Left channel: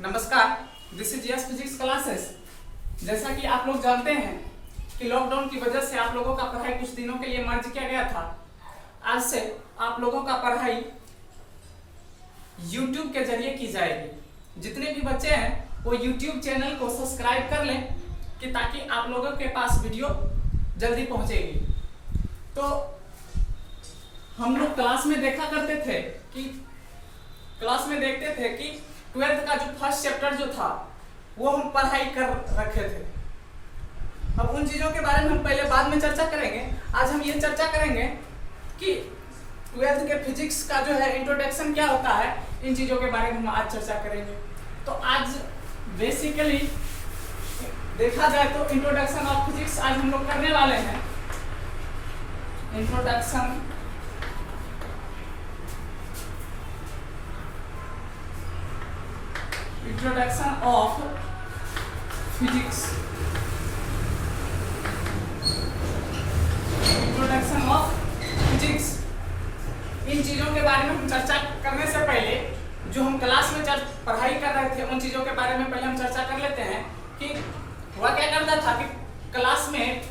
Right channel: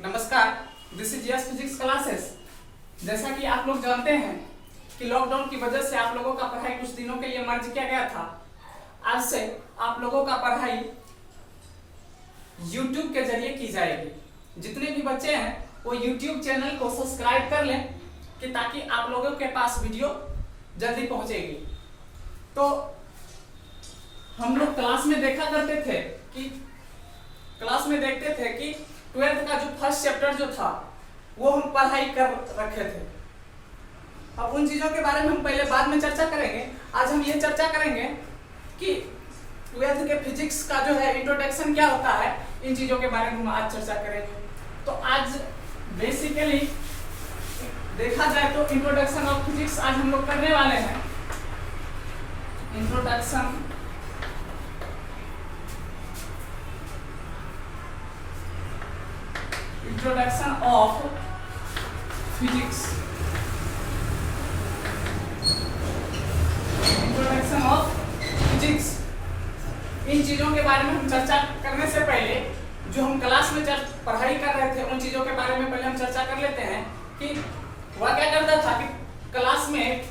नमस्कार, this is yes physics classes. जैसा कि आप लोग जानते हैं कि लॉकडाउन की वजह से आप लोगों का पढ़ाई कुछ दिनों के लिए मर्ज किया गया था। आज से आप लोगों का पढ़ाई YouTube के जरिए की जाएगी। जितने भी बच्चे हैं वो YouTube चैनल को सब्सक्राइब कर लें कि ताकि आप लोगों के पास वीडियो जल्दी पहुंचेगी। तो हम लोग क्लास में देखा करते थे कि देखते थे कि 12th का जो फर्स्ट चैप्टर जो था वो हम पढ़ाई कर रखे थे। अब उन चीजों के बारे में हम पहले बाद में चर्चा करेंगे। आज हम ये चर्चा करेंगे कि 12th के फिजिक्स का जो है इंट्रोडक्शन क्या होता है, इन चीजों के बारे में हम आज चर्चा करेंगे। तो आज बेसिकली देखा जाए तो इंट्रोडक्शन ऑफ फिजिक्स आज हम लोग करने वाले हैं। Introduction of physics. Introduction of physics, इन चीजों के बारे में हम चर्चा करने से पहले जो हम क्लास में पढ़ाई कर रहे थे उन चीजों के बारे में पहले हम चर्चा कर लेते हैं कि वह क्या करता था कि क्लास में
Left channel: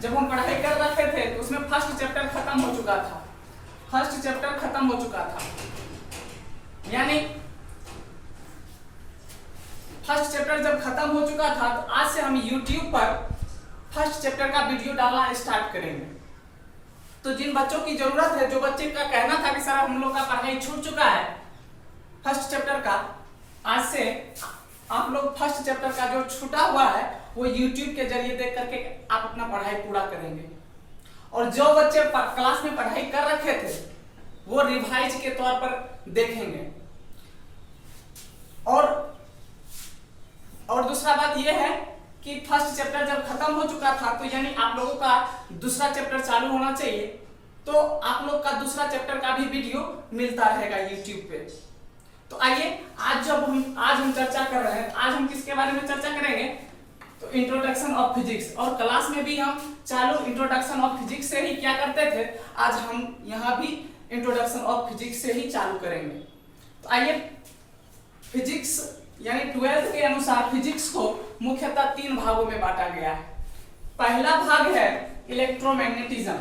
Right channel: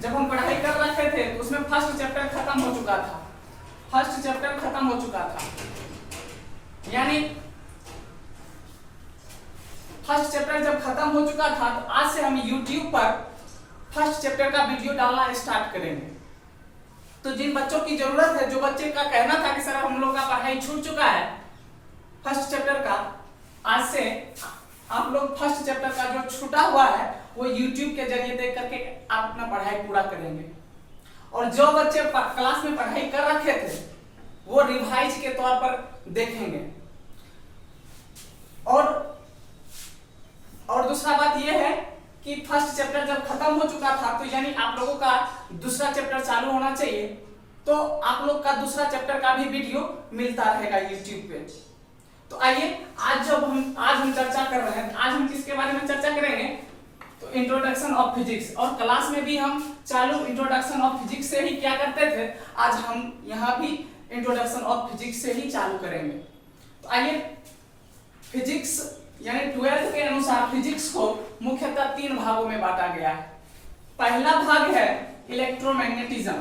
जब हम पढ़ाई कर रखे थे तो उसमें फर्स्ट चैप्टर खत्म हो चुका था। यानी फर्स्ट चैप्टर जब खत्म हो चुका था तो आज से हम YouTube पर फर्स्ट चैप्टर का वीडियो डालना स्टार्ट करेंगे। तो जिन बच्चों की जरूरत है, जो बच्चे का कहना था कि सर हम लोग का पढ़ाई छूट चुका है फर्स्ट चैप्टर का, आज से आप लोग फर्स्ट चैप्टर का जो छूटा हुआ है वो YouTube के जरिए देख करके आप अपना पढ़ाई पूरा करेंगे। और जो बच्चे क्लास में पढ़ाई कर रखे थे वो रिवाइज के तौर पर देखेंगे। और दूसरा बात यह है कि फर्स्ट चैप्टर जब खत्म हो चुका था तो यानी आप लोगों का दूसरा चैप्टर चालू होना चाहिए, तो आप लोग का दूसरा चैप्टर का भी वीडियो मिलता रहेगा YouTube पे। तो आइए आज हम चर्चा कर रहे हैं। आज हम किसके बारे में चर्चा करेंगे? तो इंट्रोडक्शन ऑफ फिजिक्स। और क्लास में भी हम चालू इंट्रोडक्शन ऑफ फिजिक्स से ही क्या करते थे, आज हम यहाँ भी इंट्रोडक्शन ऑफ फिजिक्स से ही चालू करेंगे। तो आइए, फिजिक्स यानी 12th के अनुसार फिजिक्स को मुख्यतः 3 भागों में बांटा गया है। पहला भाग है इलेक्ट्रोमैग्नेटिज्म।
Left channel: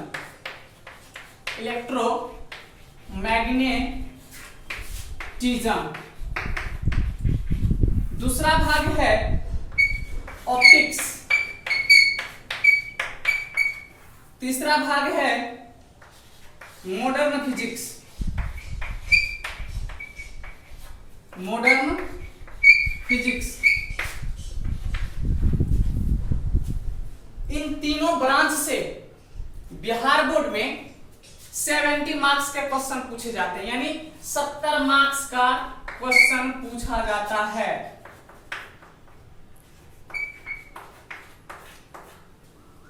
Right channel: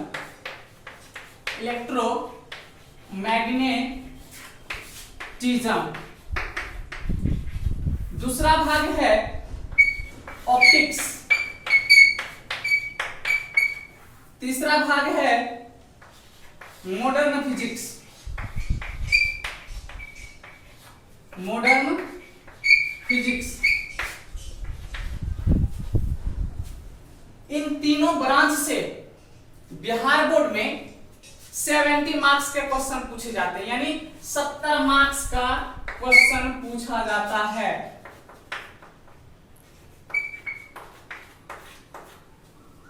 दूसरा भाग है ऑप्टिक्स। तीसरा भाग है मॉडर्न फिजिक्स। इन तीनों ब्रांच से बिहार बोर्ड में 70 मार्क्स के क्वेश्चन पूछे जाते हैं, यानी 70 मार्क्स का क्वेश्चन पूछा जाता है।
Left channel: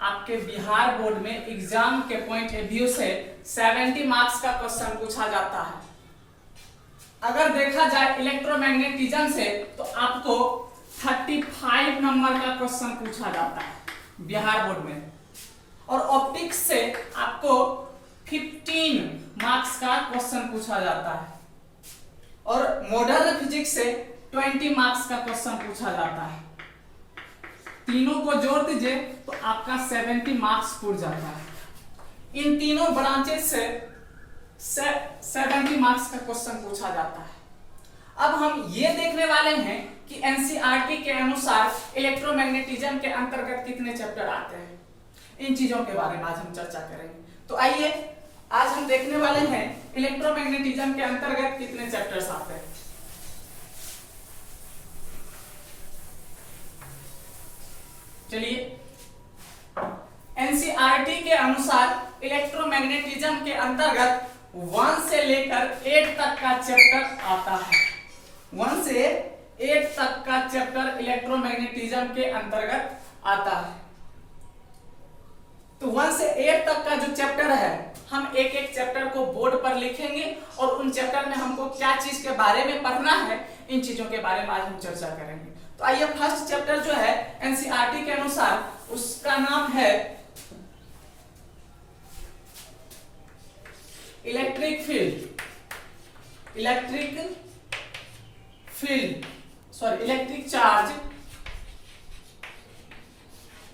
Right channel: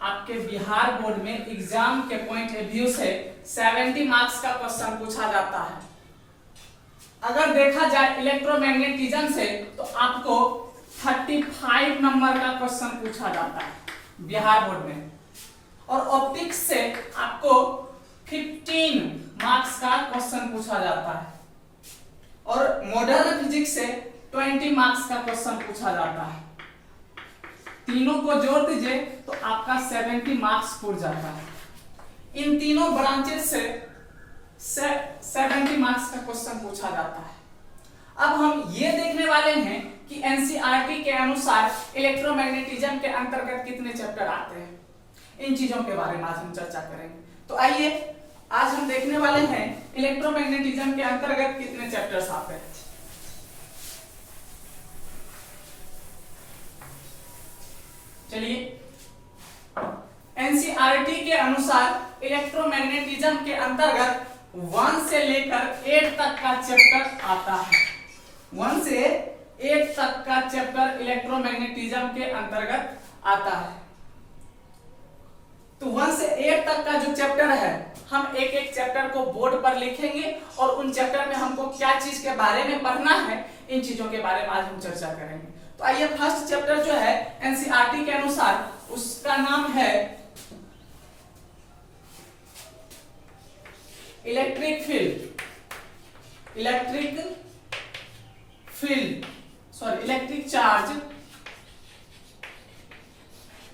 आपके बिहार बोर्ड में एग्जाम के पॉइंट ऑफ व्यू से 70 मार्क्स का क्वेश्चन पूछा जाता है। अगर देखा जाए इलेक्ट्रोमैग्नेटिज्म से तो आपको 35 नंबर का क्वेश्चन पूछा जाता है बिहार बोर्ड में, और ऑप्टिक्स से आपको 15 मार्क्स का क्वेश्चन पूछा जाता है, और मॉडर्न फिजिक्स से 20 मार्क्स का क्वेश्चन पूछा जाता है। तीनों को जोड़ दीजिए तो आपका 70 मार्क्स पूरा जाता है। इन तीनों ब्रांचेस से 70 मार्क्स का क्वेश्चन पूछा जाता है। अब हम ये देखने वाले हैं कि एनसीईआरटी के अनुसार इलेक्ट्रोमैग्नेटिज्म के अंतर्गत कितने चैप्टर आते हैं। इन चीजों के बारे में आज हम चर्चा करेंगे। तो आइए आज हम देखने वाले हैं इलेक्ट्रोमैग्नेटिज्म के अंतर्गत कितने चैप्टर्स आते हैं। चलिए, एनसीईआरटी के अनुसार इलेक्ट्रोमैग्नेटिज्म के अंतर्गत 1 से लेकर 8 तक का चैप्टर आता है। 1 से 8 तक का चैप्टर इलेक्ट्रोमैग्नेटिज्म के अंतर्गत आता है। तो 1 से 8 तक का जो चैप्टर है, हम एक एक चैप्टर को बोर्ड पर लिखेंगे और उन चैप्टर में हमको क्या चीज के बारे में पढ़ना है, इन चीजों के बारे में आज हम चर्चा करेंगे। तो आइए, फर्स्ट चैप्टर जो है एनसीईआरटी के अनुसार उसका नाम है electric field. Electric charge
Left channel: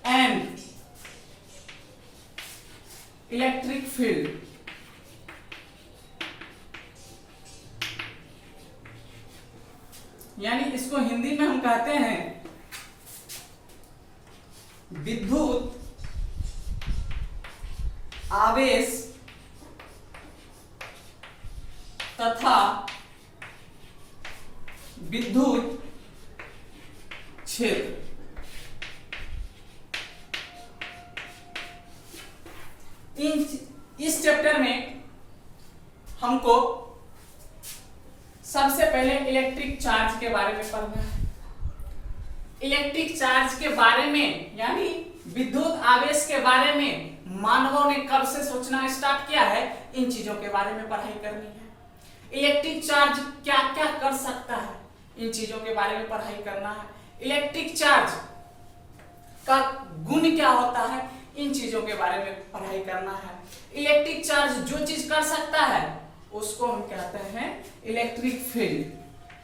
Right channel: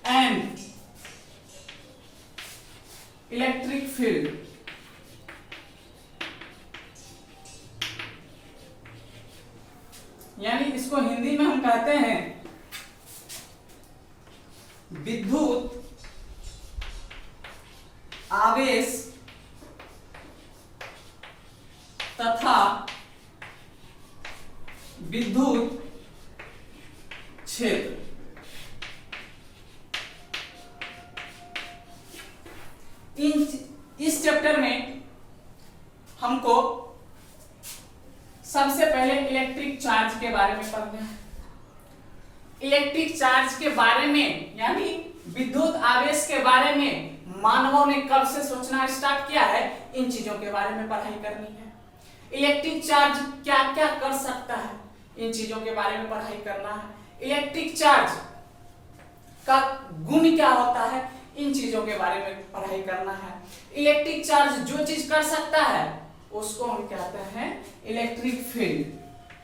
and electric field. यानी इसको हिंदी में हम कहते हैं विद्युत आवेश तथा विद्युत क्षेत्र। इस चैप्टर में हमको सबसे पहले इलेक्ट्रिक चार्ज के बारे में पढ़ना है। इलेक्ट्रिक चार्ज के बारे में यानी विद्युत आवेश के बारे में मानवों ने कब से सोचना स्टार्ट किया है, इन चीजों के बारे में पढ़ाई करनी है। इलेक्ट्रिक चार्ज क्या क्या कर सकता है, इन चीजों के बारे में पढ़ाई करना है। इलेक्ट्रिक चार्ज का गुण क्या होता है, इन चीजों के बारे में पढ़ाई करना है। इलेक्ट्रिक चार्ज जो चीज कर सकता है उसको हम कहते हैं इलेक्ट्रिक फील्ड।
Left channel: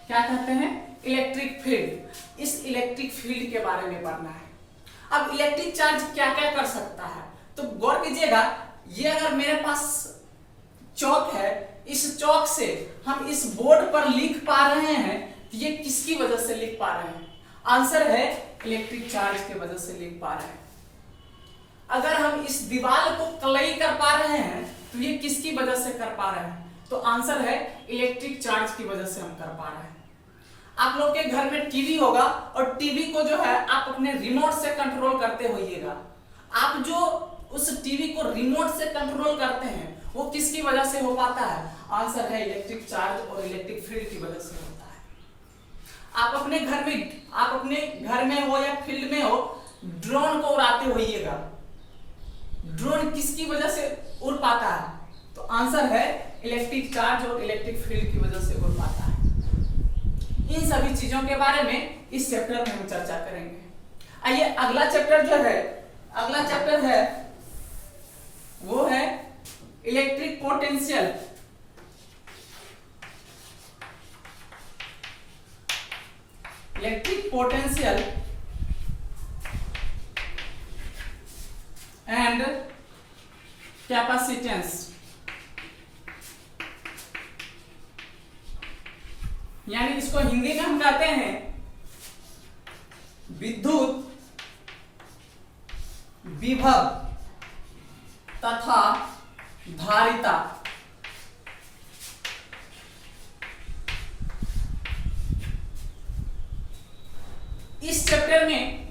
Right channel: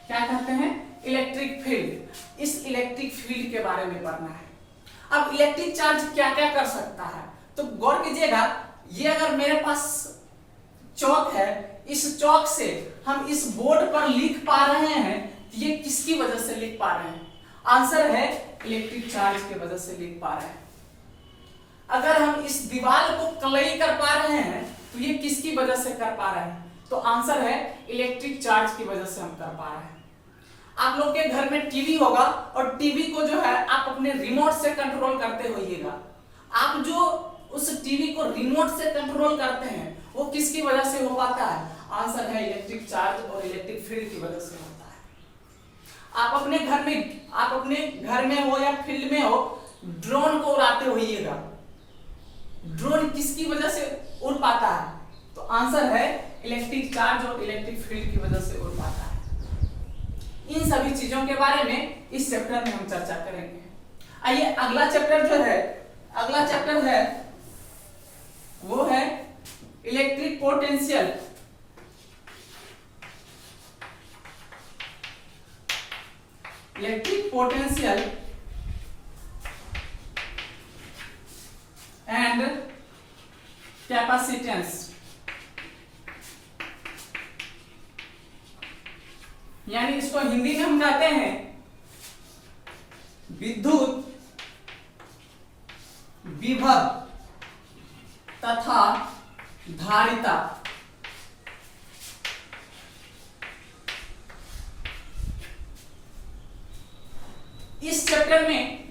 क्या कहते हैं? Electric field. इस इलेक्ट्रिक फील्ड के बारे में पढ़ना है। अब इलेक्ट्रिक चार्ज क्या क्या कर सकता है, तो गौर कीजिएगा, ये अगर मेरे पास चौक है, इस चौक से हम इस बोर्ड पर लिख पा रहे हैं, तो ये किसकी वजह से लिख पा रहे हैं? आंसर है इलेक्ट्रिक चार्ज की वजह से लिख पा रहे हैं। अगर हम इस दीवार को क्ले कर पा रहे हैं तो ये किसकी वजह से कर पा रहे हैं? तो आंसर है इलेक्ट्रिक चार्ज की वजह से हम कर पा रहे हैं। आप लोग के घर में टीवी होगा और टीवी को जो है आप अपने रिमोट से कंट्रोल करते होइएगा। आप जो उस टीवी को रिमोट से कंट्रोल करते हैं वो किसकी वजह से हो पाता है? आंसर है इलेक्ट्रिक चार्ज और इलेक्ट्रिक फील्ड की वजह से होता है। आप अपने घर में हो या फील्ड में हो, ड्रोन को उड़ाते होइएगा, ड्रोन किसकी वजह से उड़ पाता है? तो आंसर है इलेक्ट्रिक चार्ज और इलेक्ट्रिक फील्ड की वजह से उड़ पाता है। इन सभी चीजों के बारे में इस चैप्टर में हम चर्चा करेंगे। आइए अगला चैप्टर है वो है electric potential. Electric potential and capacitance. यानी इसको हिंदी में हम कहते हैं विद्युत विभव तथा धारिता। इस चैप्टर में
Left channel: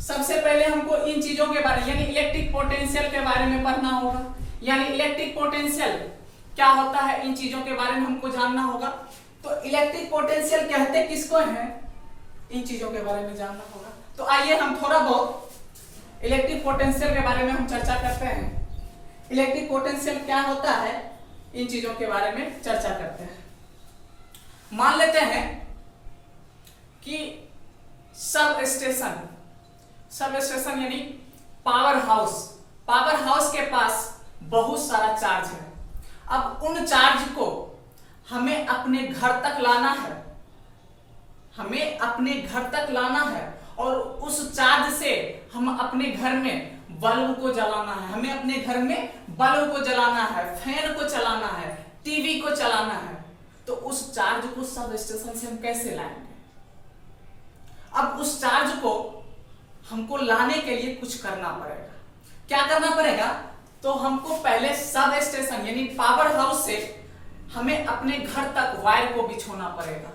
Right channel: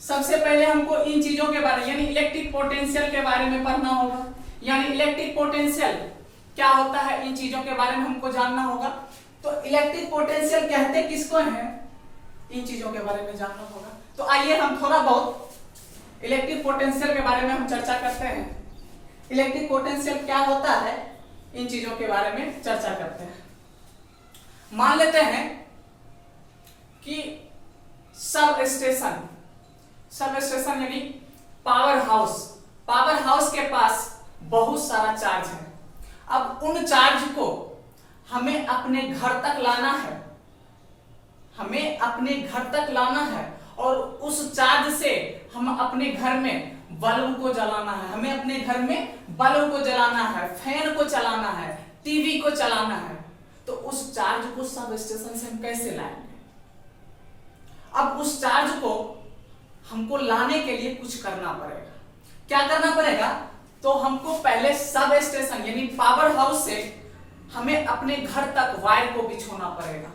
सबसे पहले हमको इन चीजों के बारे यानी इलेक्ट्रिक पोटेंशियल के बारे में पढ़ना होगा। यानी इलेक्ट्रिक पोटेंशियल क्या होता है, इन चीजों के बारे में हमको जानना होगा। तो इलेक्ट्रिक पोटेंशियल कहते किसको है, इन चीजों के बारे में जानना होगा। तो आइए हम थोड़ा बहुत इलेक्ट्रिक पोटेंशियल के बारे में हम चर्चा करते हैं। इलेक्ट्रिक पोटेंशियल क्या होता है, इन चीजों के बारे में चर्चा करते हैं। मान लेते हैं कि सब स्टेशन यानी पावर हाउस के पास बहुत सारा चार्ज है। अब उन चार्ज को हमें अपने घर तक लाना है और उस चार्ज से हम अपने घर में बल्ब को जलाना है, हमें अपने घर में बल्ब को जलाना है, फैन को चलाना है, टीवी को चलाना है। तो उस चार्ज को सब स्टेशन से हम कैसे लाएंगे? अब उस चार्ज को हमको लाने के लिए कुछ करना पड़ेगा। क्या करना पड़ेगा? तो हमको पहले सब स्टेशन यानी पावर हाउस से हमें अपने घर तक वायर को बिछोना पड़ेगा।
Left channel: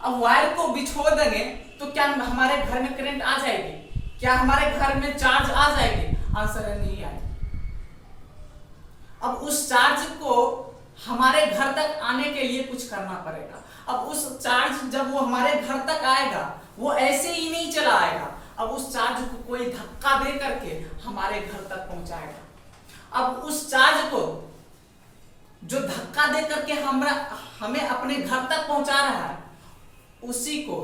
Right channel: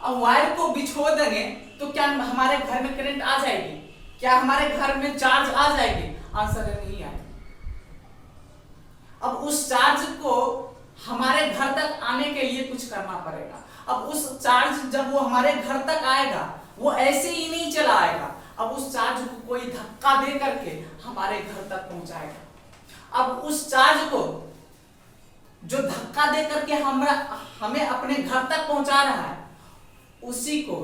अब वायर को बिछो देंगे तो क्या हमारे घर में करंट आ जाएगी? क्या हमारे घर में चार्ज आ जाएगी? आंसर है नहीं आएगी। अब उस चार्ज को हमारे घर तक आने के लिए कुछ करना पड़ेगा। अब उस चार्ज जब वो हमारे घर तक आएगा वो ऐसे ही नहीं चला आएगा। अब उस चार्ज को कोई धक्का दे करके हमारे घर तक पहुंचाएगा। अब उस चार्ज को जो धक्का दे करके हमें अपने घर तक पहुंचा रहा है, उसी को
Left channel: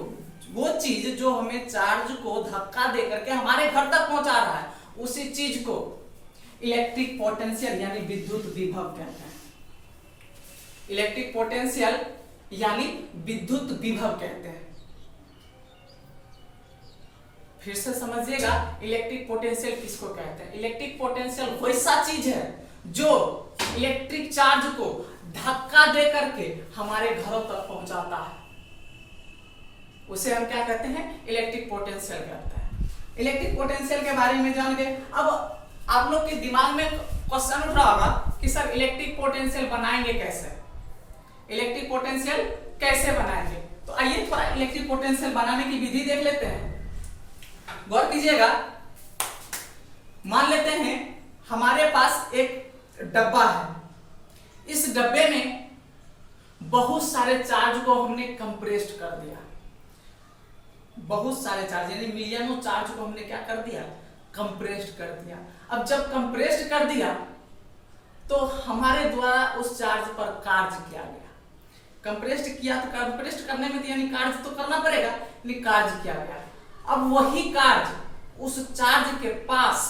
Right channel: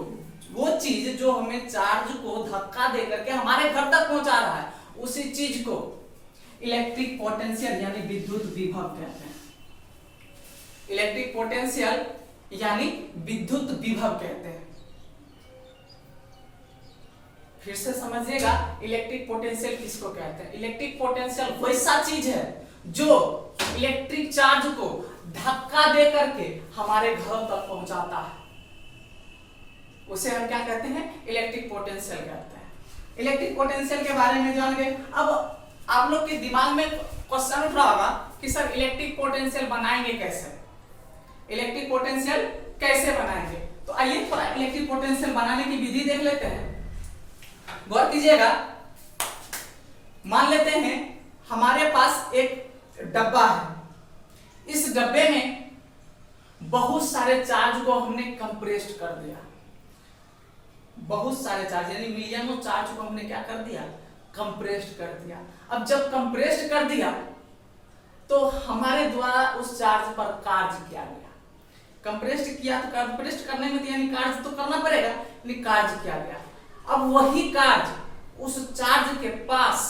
वो चीज जो हमें चार्ज को धक्का दे करके हमारे घर तक पहुंचा रहा है, उसी चीज को इलेक्ट्रिक पोटेंशियल यानी विद्युत विभव कहते हैं। इलेक्ट्रिक पोटेंशियल यानी विद्युत विभव कहते हैं। फिर से समझिएगा, इलेक्ट्रिक पोटेंशियल किसको कहते हैं। इलेक्ट्रिक पोटेंशियल वैसा चीज है जो इलेक्ट्रिक चार्ज को धक्का दे करके हमारे घरों तक पहुंचाता है, उसे हम क्या कहते हैं, इलेक्ट्रिक पोटेंशियल कहते हैं। इलेक्ट्रिक पोटेंशियल के बारे में जान गए। अब आप लोग के दिमाग में क्वेश्चन उठ रहा होगा कि सर इलेक्ट्रिक पोटेंशियल बनाएंगे कैसे, इलेक्ट्रिक पोटेंशियल कैसे बनाएंगे। तो आइए थोड़ा इलेक्ट्रिक पोटेंशियल बनाने की विधि देख लेते हैं। गौर कीजिएगा, मान लेते हैं हमारे पास एक डब्बा है, इस डब्बे में बहुत सारे चार्ज को हमने कंप्रेस्ड कर दिया, बहुत सारे चार्ज यानी मिलियनों चार्ज को हमने क्या कर दिया, कंप्रेस्ड कर दिया। अब जब कंप्रेस्ड कर दिया तो हमारे द्वारा उस चार्ज पर कार्य किया गया। कंप्रेस्ड किया तो कंप्रेस्ड करने में यानी कार्य तो करना पड़ेगा, यानी कार्य किया गया। अब वही कार्य उस चार्ज के पास,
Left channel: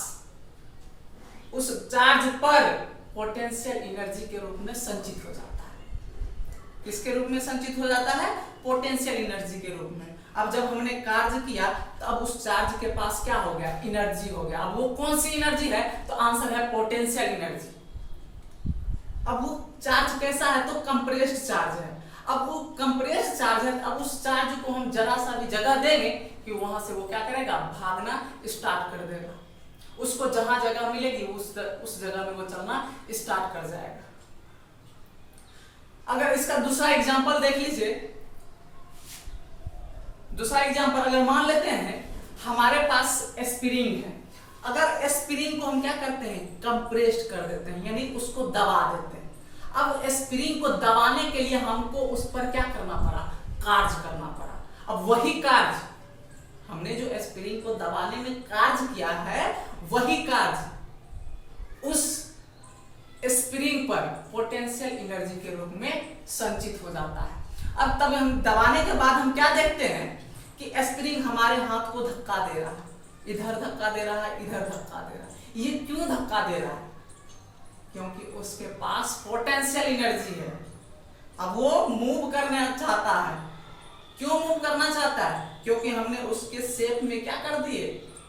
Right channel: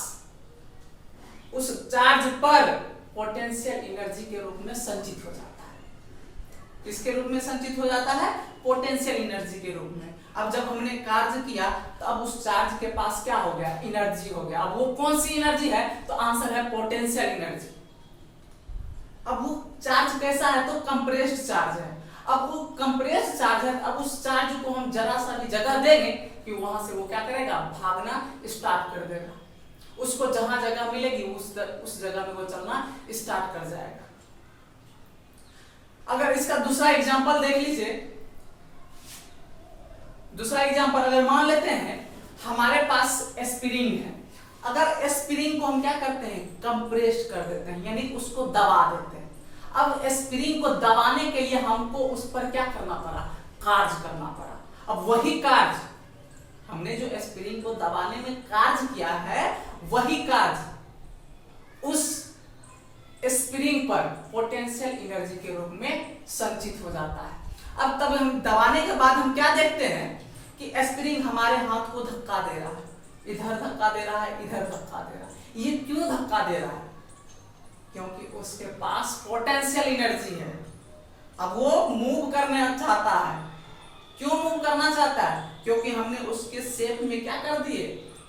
उस चार्ज पर पोटेंशियल एनर्जी के रूप में संचित हो जाता है। किसके रूप में संचित हो जाता है, पोटेंशियल एनर्जी के रूप में। अब जब हमने कार्य किया तो अब उस चार्ज के पास क्या हो गया, एनर्जी हो गया। अब वो कौन सी एनर्जी है, तो आंसर है पोटेंशियल एनर्जी। अब वो चार्ज कैसा है, तो कंप्रेस्ड चार्ज है। अब वो कंप्रेस्ड चार्ज है, अब उस चार्ज को हम जरा सा भी जगह देंगे कि वहां से वो क्या करेगा, भागना स्टार्ट कर देगा। उसको जहां जगह मिलेगी उस जगह में वो चलना स्टार्ट कर जाएगा। अगर इसका दूसरा एग्जांपल देख लीजिए, दूसरा एग्जांपल अगर मान लेते हैं हमारे पास स्प्रिंग है। अगर स्प्रिंग को हम क्या करते हैं, कंप्रेस्ड कर देते हैं, यानी उसको दबा देते हैं। अब स्प्रिंग को दबाने के लिए हमको उस पर क्या करना पड़ा, कार्य करना पड़ा। अब वही कार्य हमने जो स्प्रिंग को दबाने में कार्य किया है, वही कार्य उस स्प्रिंग पर पोटेंशियल एनर्जी के रूप में संचित हो जाता है। अब तब हम दबाने के बाद हम क्या देखते हैं कि स्प्रिंग हमारे हाथ को धक्का दे रहा है, इधर धक्का दे रहा है, इधर धक्का दे रहा है। ये क्यों धक्का दे रहा है, क्योंकि उसके पास पोटेंशियल एनर्जी है। अब वो मूव करना चाहता है। क्यों मूव करना चाहता है, क्योंकि हमने उसके शेप में क्या कर दिए,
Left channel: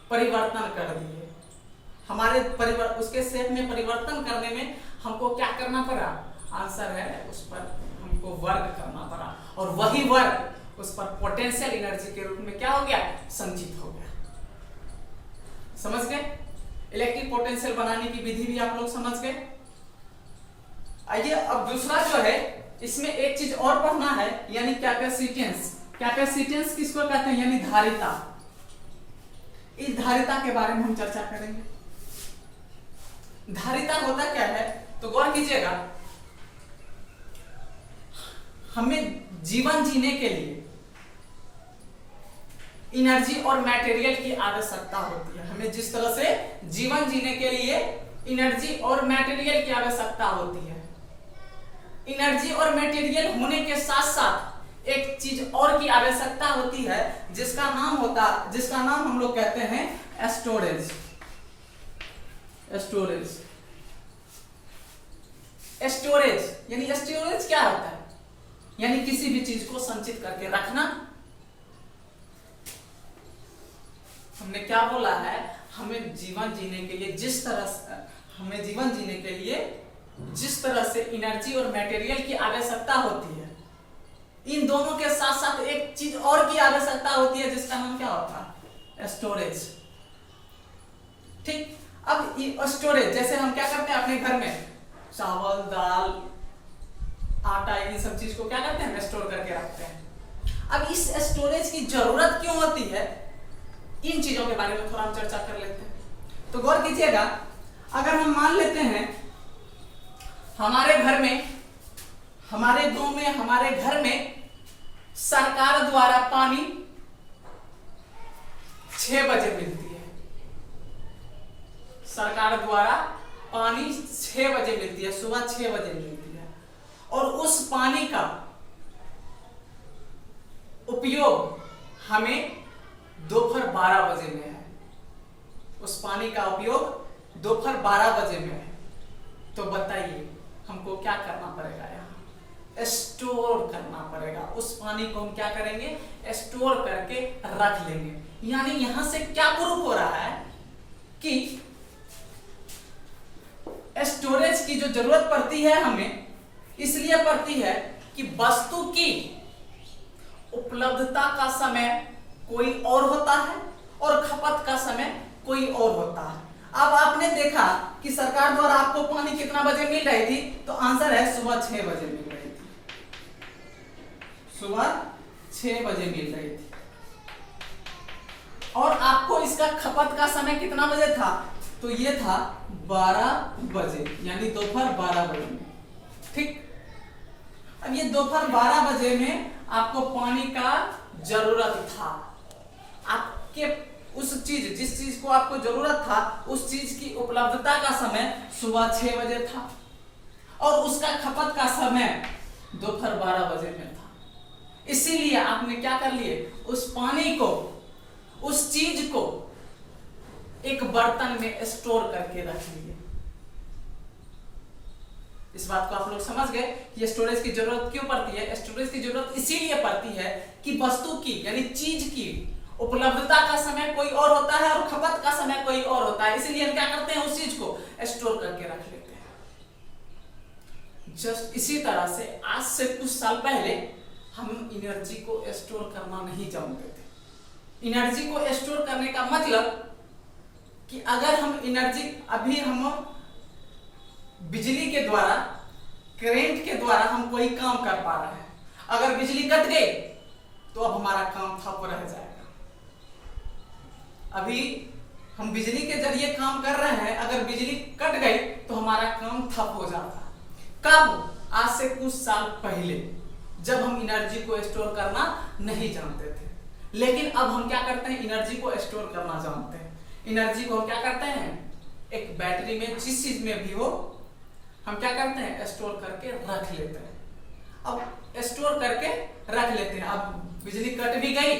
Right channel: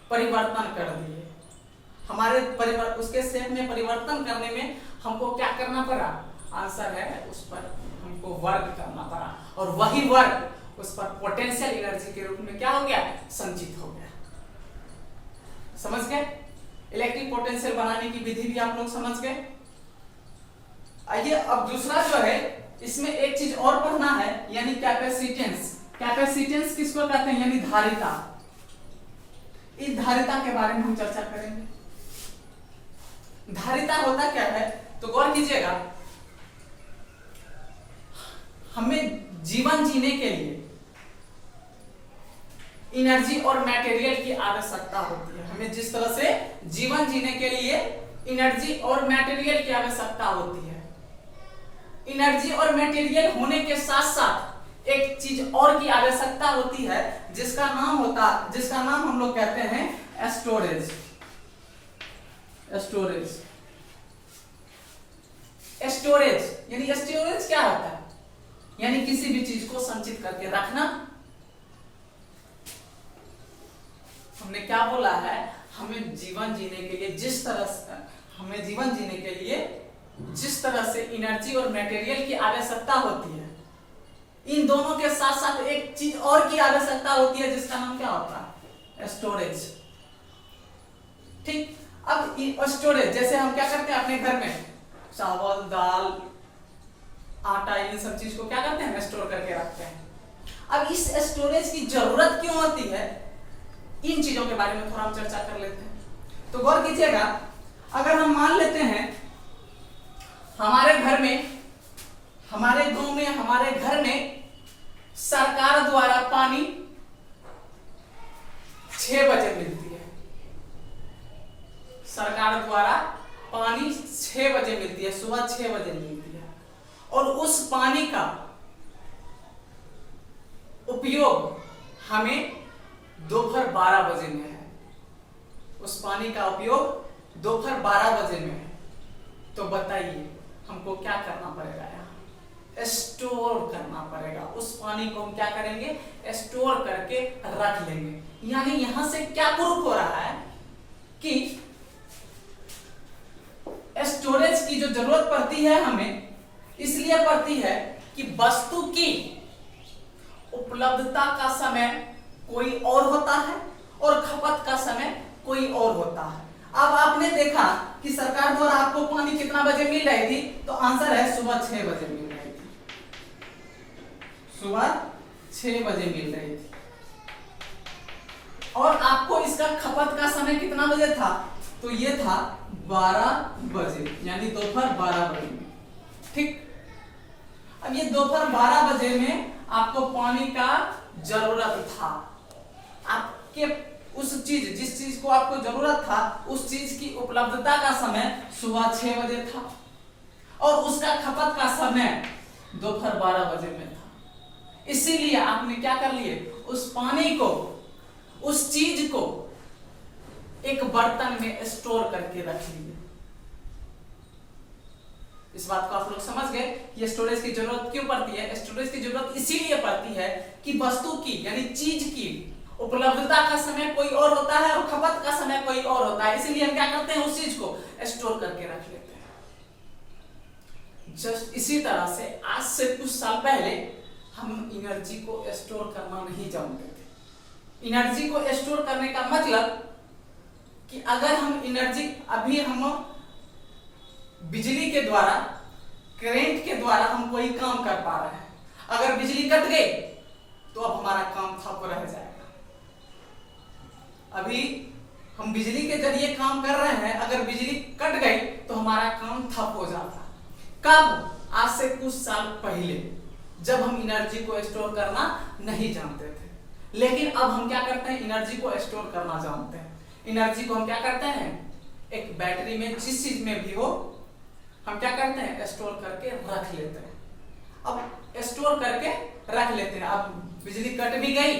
परिवर्तन कर दिए। हमारे उसके शेप में परिवर्तन करने में हमको क्या करना पड़ा, आंसर है उस पर हमको वर्क करना पड़ा, और वही वर्क उस पर पोटेंशियल एनर्जी के रूप में क्या हो गया, संचित हो गया। समझ गए, इलेक्ट्रिक पोटेंशियल बनाने की विधि भी आप लोग समझ गए। आइए अब दूसरा जो है, इसमें एक चीज और पढ़ना है, यानी कैपेसिटेंस। कैपेसिटेंस किसको कहते हैं, यानी धारिता। इस धारिता के बारे में हम चर्चा करेंगे। धारिता होता क्या है, तो गौर कीजिएगा, हमें जीवन जीने के लिए एनर्जी और मटेरियल की आवश्यकता होती है। हमें जिस तरह से जीवन जीने के लिए एनर्जी और मटेरियल की आवश्यकता होती है, एनर्जी और मटेरियल होने के साथ साथ एक चीज और की आवश्यकता होती है, जिसका नाम हम लोग कहते हैं स्टोरेज। स्टोरेज यानी स्टोरेज क्या होता है, यानी किसी भी चीज को संचित करके रखना। हमने क्या बोला है, हमें जीवन जीने के लिए जिस तरह से एनर्जी और मटेरियल की आवश्यकता होती है, इन दोनों के साथ साथ एक चीज और की आवश्यकता होती है, जिसका नाम क्या होता है, स्टोरेज। ठीक, अब स्टोरेज जैसे हम क्या करते हैं अपने घर में, चावल, दाल, आटा, इन सब चीज को क्या करते हैं, स्टोर करके रखते हैं। अब इस स्टोरेज की जरूरत क्यों होती है, इन चीजों के बारे में थोड़ा हम चर्चा कर लेते हैं। तो गौर कीजिएगा, अगर हम मान लेते हैं हमारे घर में, हमारे गांव में, हमारे घर में सरकार द्वारा पानी 6 बजे मिलती है। सरकार द्वारा पानी 6 बजे मिलती है, सुबह 6 बजे मिलती है, और उस पानी का उपयोग हमें दोपहर 12 बजे में है। उस पानी का उपयोग दोपहर 12 बजे में है। तो बताइए हमको क्या करना पड़ेगा यहाँ, स्टोर करना पड़ेगा। उस पानी को हम क्या करेंगे, स्टोर करके रख लेंगे। यानी यहां से क्या प्रूफ हो रहा है कि स्टोरेज की जो जरूरत पड़ती है हमें, इसलिए पड़ती है कि वस्तु की उपलब्धता का समय कोई और होता है और खपत का समय कोई और होता है। अब आपने देखा कि सरकार द्वारा आपको पानी कितना बजे मिल रही थी, तो आंसर है सुबह 6 बजे मिल रही थी, सुबह 6 बजे मिल रही थी। और आपको इसका खपत का समय कितना बजे था, तो ये था 12 बजे, यानी दोपहर 12 बजे में। ठीक, अब ये दोपहर 12 बजे में आपको पानी का जरूरत था। आपके उस चीज, जिस चीज को आपको जरूरत था, उस चीज की उपलब्धता का समय सुबह 6 बजे था और उसका खपत का समय दोपहर 12 बजे में था। इसीलिए आपने क्या कर लिए, उस पानी को, उस चीज को एक बर्तन में स्टोर करके रख लिए। इस बात को आप लोग समझ गए कि स्टोरेज की जरूरत क्यों पड़ती है। स्टोरेज की जरूरत इसीलिए पड़ती है कि वस्तु की, यानी चीज की उपलब्धता का समय कोई और होता है और खपत का समय कोई और होता है। इसीलिए हम क्या करते हैं, उस चीज को स्टोर करके रख लेते हैं। जस्ट इसी तरह से आज से कुछ साल पहले हम एनर्जी को स्टोर करना नहीं जानते थे। एनर्जी को स्टोर करने का मतलब कि अगर हम एनर्जी, अभी हम बिजली के द्वारा, करंट के द्वारा हम कोई काम कर पा रहे हैं, अगर बिजली कट गई तो अब हमारा काम ठप रह जाएगा। अभी हम बिजली के जरिए काम कर रहे हैं, अगर बिजली कट गई तो हमारा काम ठप हो जाता। कब? आज से कुछ साल पहले, जब हम एनर्जी को स्टोर करना नहीं जानते थे। लेकिन अब हम क्या करते हैं, एनर्जी को स्टोर करना जानते हैं। एनर्जी को हम क्या करते हैं, एक बैटरी में, जिस चीज में भी हो, हम क्या करते हैं, स्टोर करके रख लेते हैं। अब स्टोर करके रख लेते हैं, अब बिजली कट भी गई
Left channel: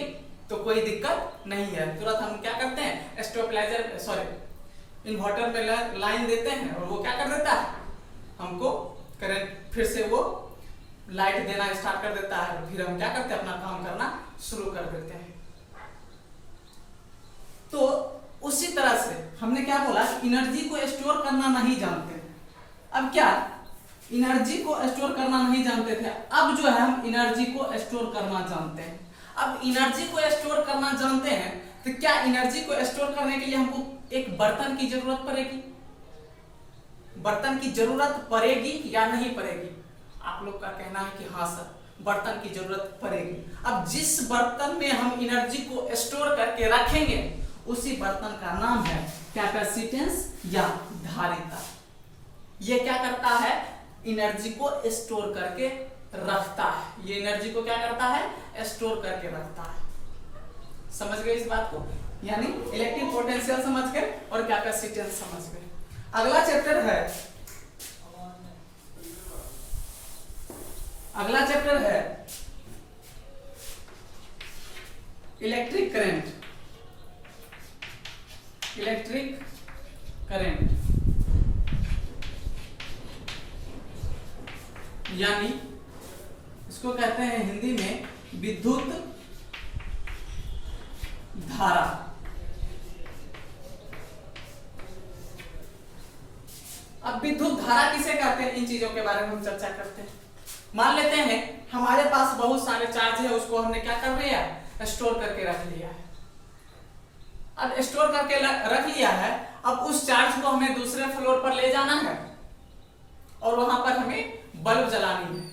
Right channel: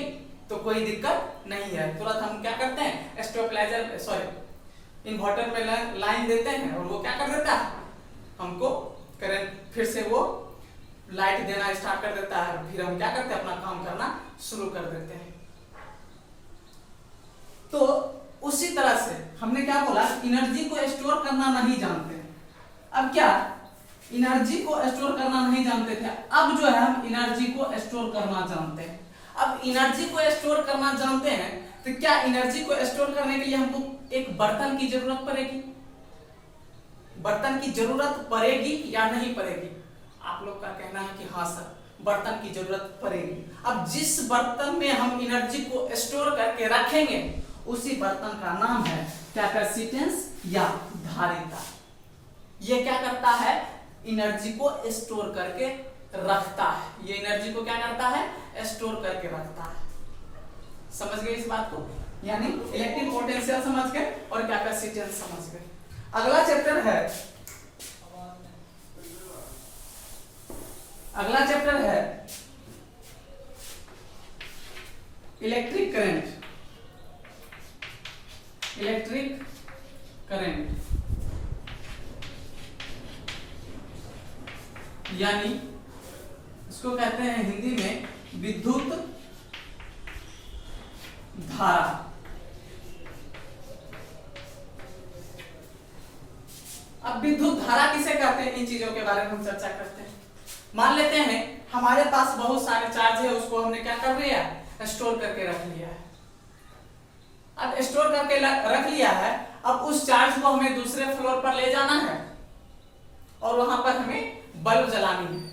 तो कोई दिक्कत नहीं है, तुरंत हम क्या करते हैं, स्टेबलाइजर, सॉरी, इन्वर्टर में लाइन देते हैं और वो क्या कर देता है, हमको करंट, फिर से वो लाइट देना स्टार्ट कर देता है। फिर हम क्या करते हैं, अपना काम करना शुरू कर देते हैं। तो उसी तरह से हमने क्या बोला, एनर्जी को स्टोर करना नहीं जानते। अब क्या, एनर्जी को स्टोर करना नहीं जानते थे, अब जो है हम एनर्जी को स्टोर करना जानते हैं। अब एनर्जी को स्टोर करना जानते हैं तो क्या एनर्जी को स्टोर करने के लिए हमको एक बर्तन की जरूरत पड़ेगी? बर्तन की जरूरत पड़ेगी या नहीं पड़ेगी? आप लोग का कहना है कि हाँ सर, बर्तन की जरूरत पड़ेगी। अब जिस बर्तन में हम एनर्जी को स्टोर करके रखेंगे उसी बर्तन का नाम है कैपेसिटेंस या धारिता। ये क्या करता है, एनर्जी को स्टोर करके रखता है। ये एनर्जी को क्या करता है, स्टोर करके रखता है। समझ गए इस बात को? यानी इलेक्ट्रिक पोटेंशियल समझ गए और कैपेसिटेंस समझ गए। अगला चैप्टर है, अगला चैप्टर है इलेक्ट्रिक करंट। इलेक्ट्रिक करंट यानी इसको कहते हैं हिंदी में विद्युत धारा। अब विद्युत धारा किसे कहते हैं, इन चीजों के बारे में हम चर्चा करते हैं। मान लेते हैं हमारे पास बहुत सारे चार्ज है, उसको हमने क्या कर लिया है, स्टोर करके रख लिया है। अब स्टोर करके रख लिया है, अब उस चार्ज को हमें दूसरे फ्लोर पर ले जाना है और वहां पर हमें बल्ब जलानी है,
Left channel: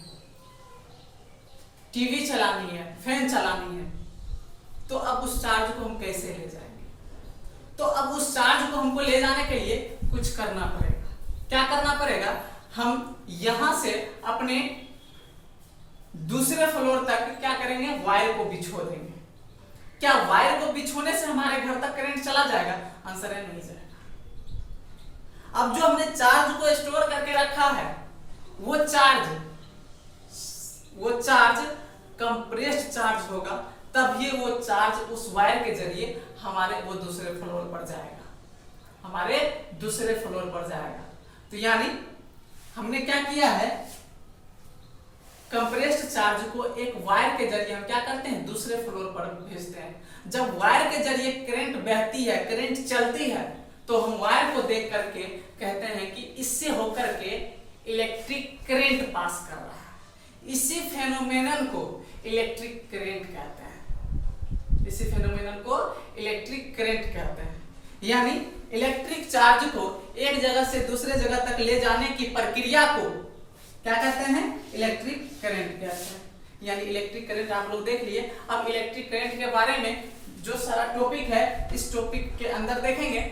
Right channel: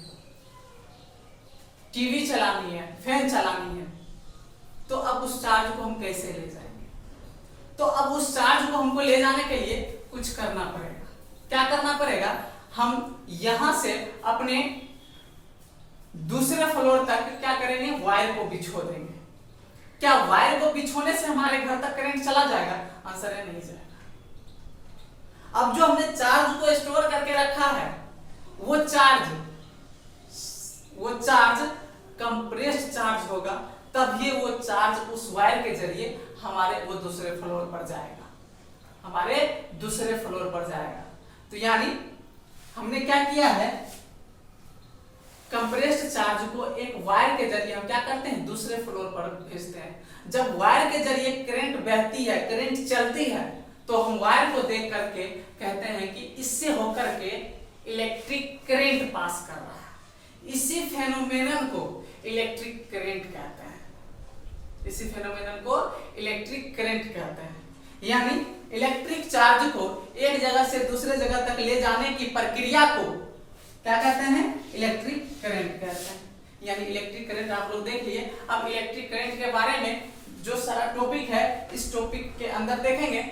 टीवी चलानी है, फैन चलानी है। तो अब उस चार्ज को हम कैसे ले जाएंगे? तो अब उस चार्ज को हमको ले जाने के लिए कुछ करना पड़ेगा। क्या करना पड़ेगा, हम यहां से अपने दूसरे फ्लोर तक क्या करेंगे, वायर को बिछो देंगे। क्या वायर को बिछोने से हमारे घर तक करंट चला जाएगा? आंसर है नहीं जाएगा। अब जो हमने चार्ज को स्टोर करके रखा है वो चार्ज कंप्रेस्ड चार्ज होगा, तब ये वो चार्ज उस वायर के जरिए हमारे वो दूसरे फ्लोर पर जाएगा, हमारे दूसरे फ्लोर पर जाएगा। तो यानी हमने क्या किया है, कंप्रेस्ड चार्ज को एक वायर के जरिए हम क्या करते हैं, दूसरे फ्लोर पर भेजते हैं। जब वायर के जरिए करंट बहती है, करंट चलती है, तो हम वायर को देख करके कहते हैं कि इससे होकर के इलेक्ट्रिक करंट पास कर रहा है। इसी फेनोमेनन को इलेक्ट्रिक करंट कहते हैं। इसी फेनोमेनन को इलेक्ट्रिक करंट कहते हैं। यानी इलेक्ट्रिक चार्ज को एक जगह से दूसरे जगह तक ले जाने की प्रक्रिया को क्या कहते हैं, इलेक्ट्रिक करंट कहते हैं। यानी इलेक्ट्रिक करंट आप लोग देख लिए। अब इलेक्ट्रिक करंट के बारे में जो सारा टॉपिक है, इस टॉपिक के अंदर देखेंगे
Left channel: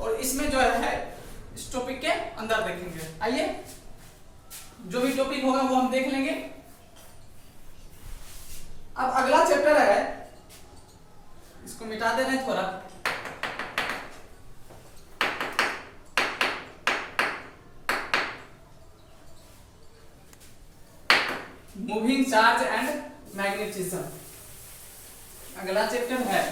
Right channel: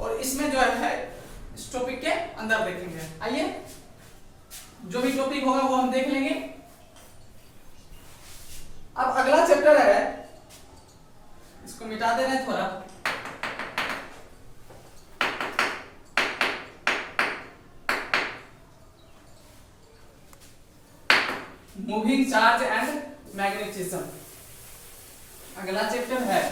और इसमें जो है इस टॉपिक के अंदर देखेंगे। आइए, जो भी टॉपिक होगा वो हम देख लेंगे। अब अगला चैप्टर है, इसको मिटा दे रहे हैं थोड़ा। Moving charge and magnetism. अगला चैप्टर है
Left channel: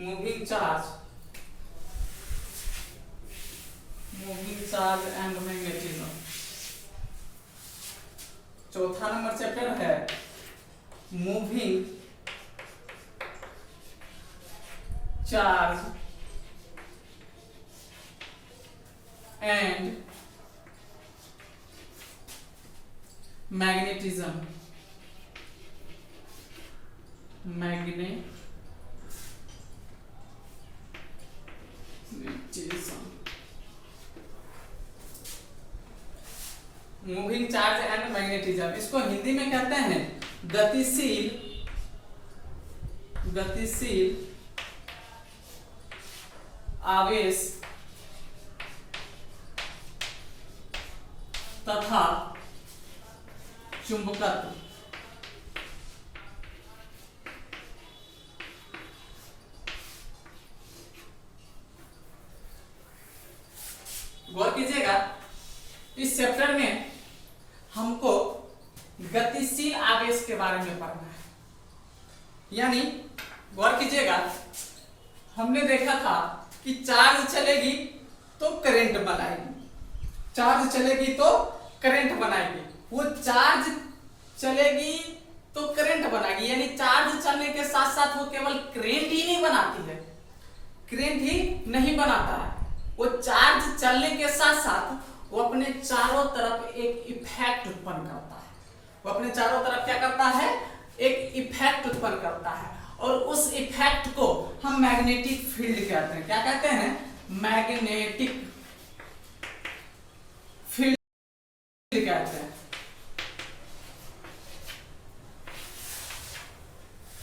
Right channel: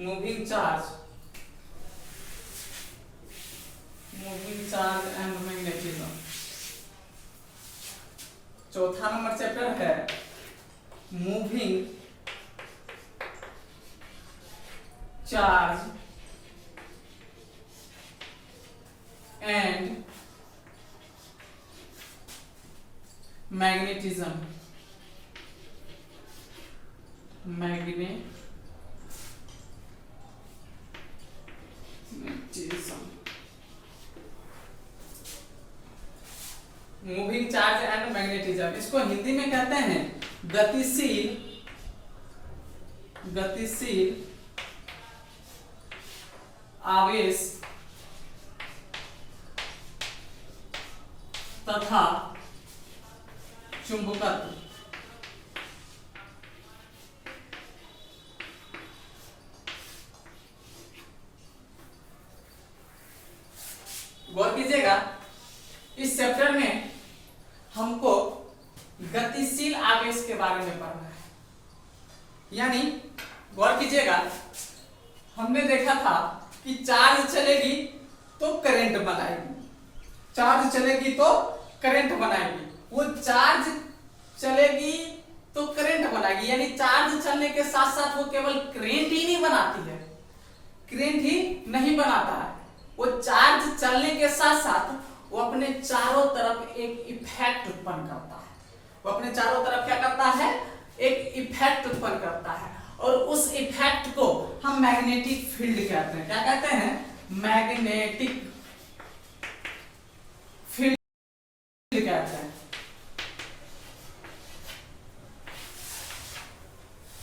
मूविंग चार्ज एंड मैग्नेटिज्म। चौथा नंबर चैप्टर है moving charge and magnetism. Moving charge and magnetism, इसको हिंदी में कहते हैं गतिशील आवेश तथा चुंबकत्व। गौर कीजिएगा, इस चैप्टर में हमको गतिशील आवेश के बारे में पढ़ना है। यानी गौर कीजिएगा, हमने देखा था कि चार्ज चलेगी तो करंट बनाएगी, चार्ज चलेगी तो करंट बनाएगी। वो चार्ज चलेगी तो करंट बनाएगी, यानी चार्ज चलने के साथ साथ वो केवल करंट ही नहीं बनाती है, करंट ही नहीं बनाता है। वो चार्ज चलने के साथ साथ वो अपने चारों तरफ एक इफेक्ट उत्पन्न करता है। वो अपने चारों तरफ क्या करता है, एक इफेक्ट उत्पन्न करता है, और उस इफेक्ट को हम मैग्नेटिक फील्ड कहते हैं। क्या कहते हैं, मैग्नेटिक फील्ड कहते हैं।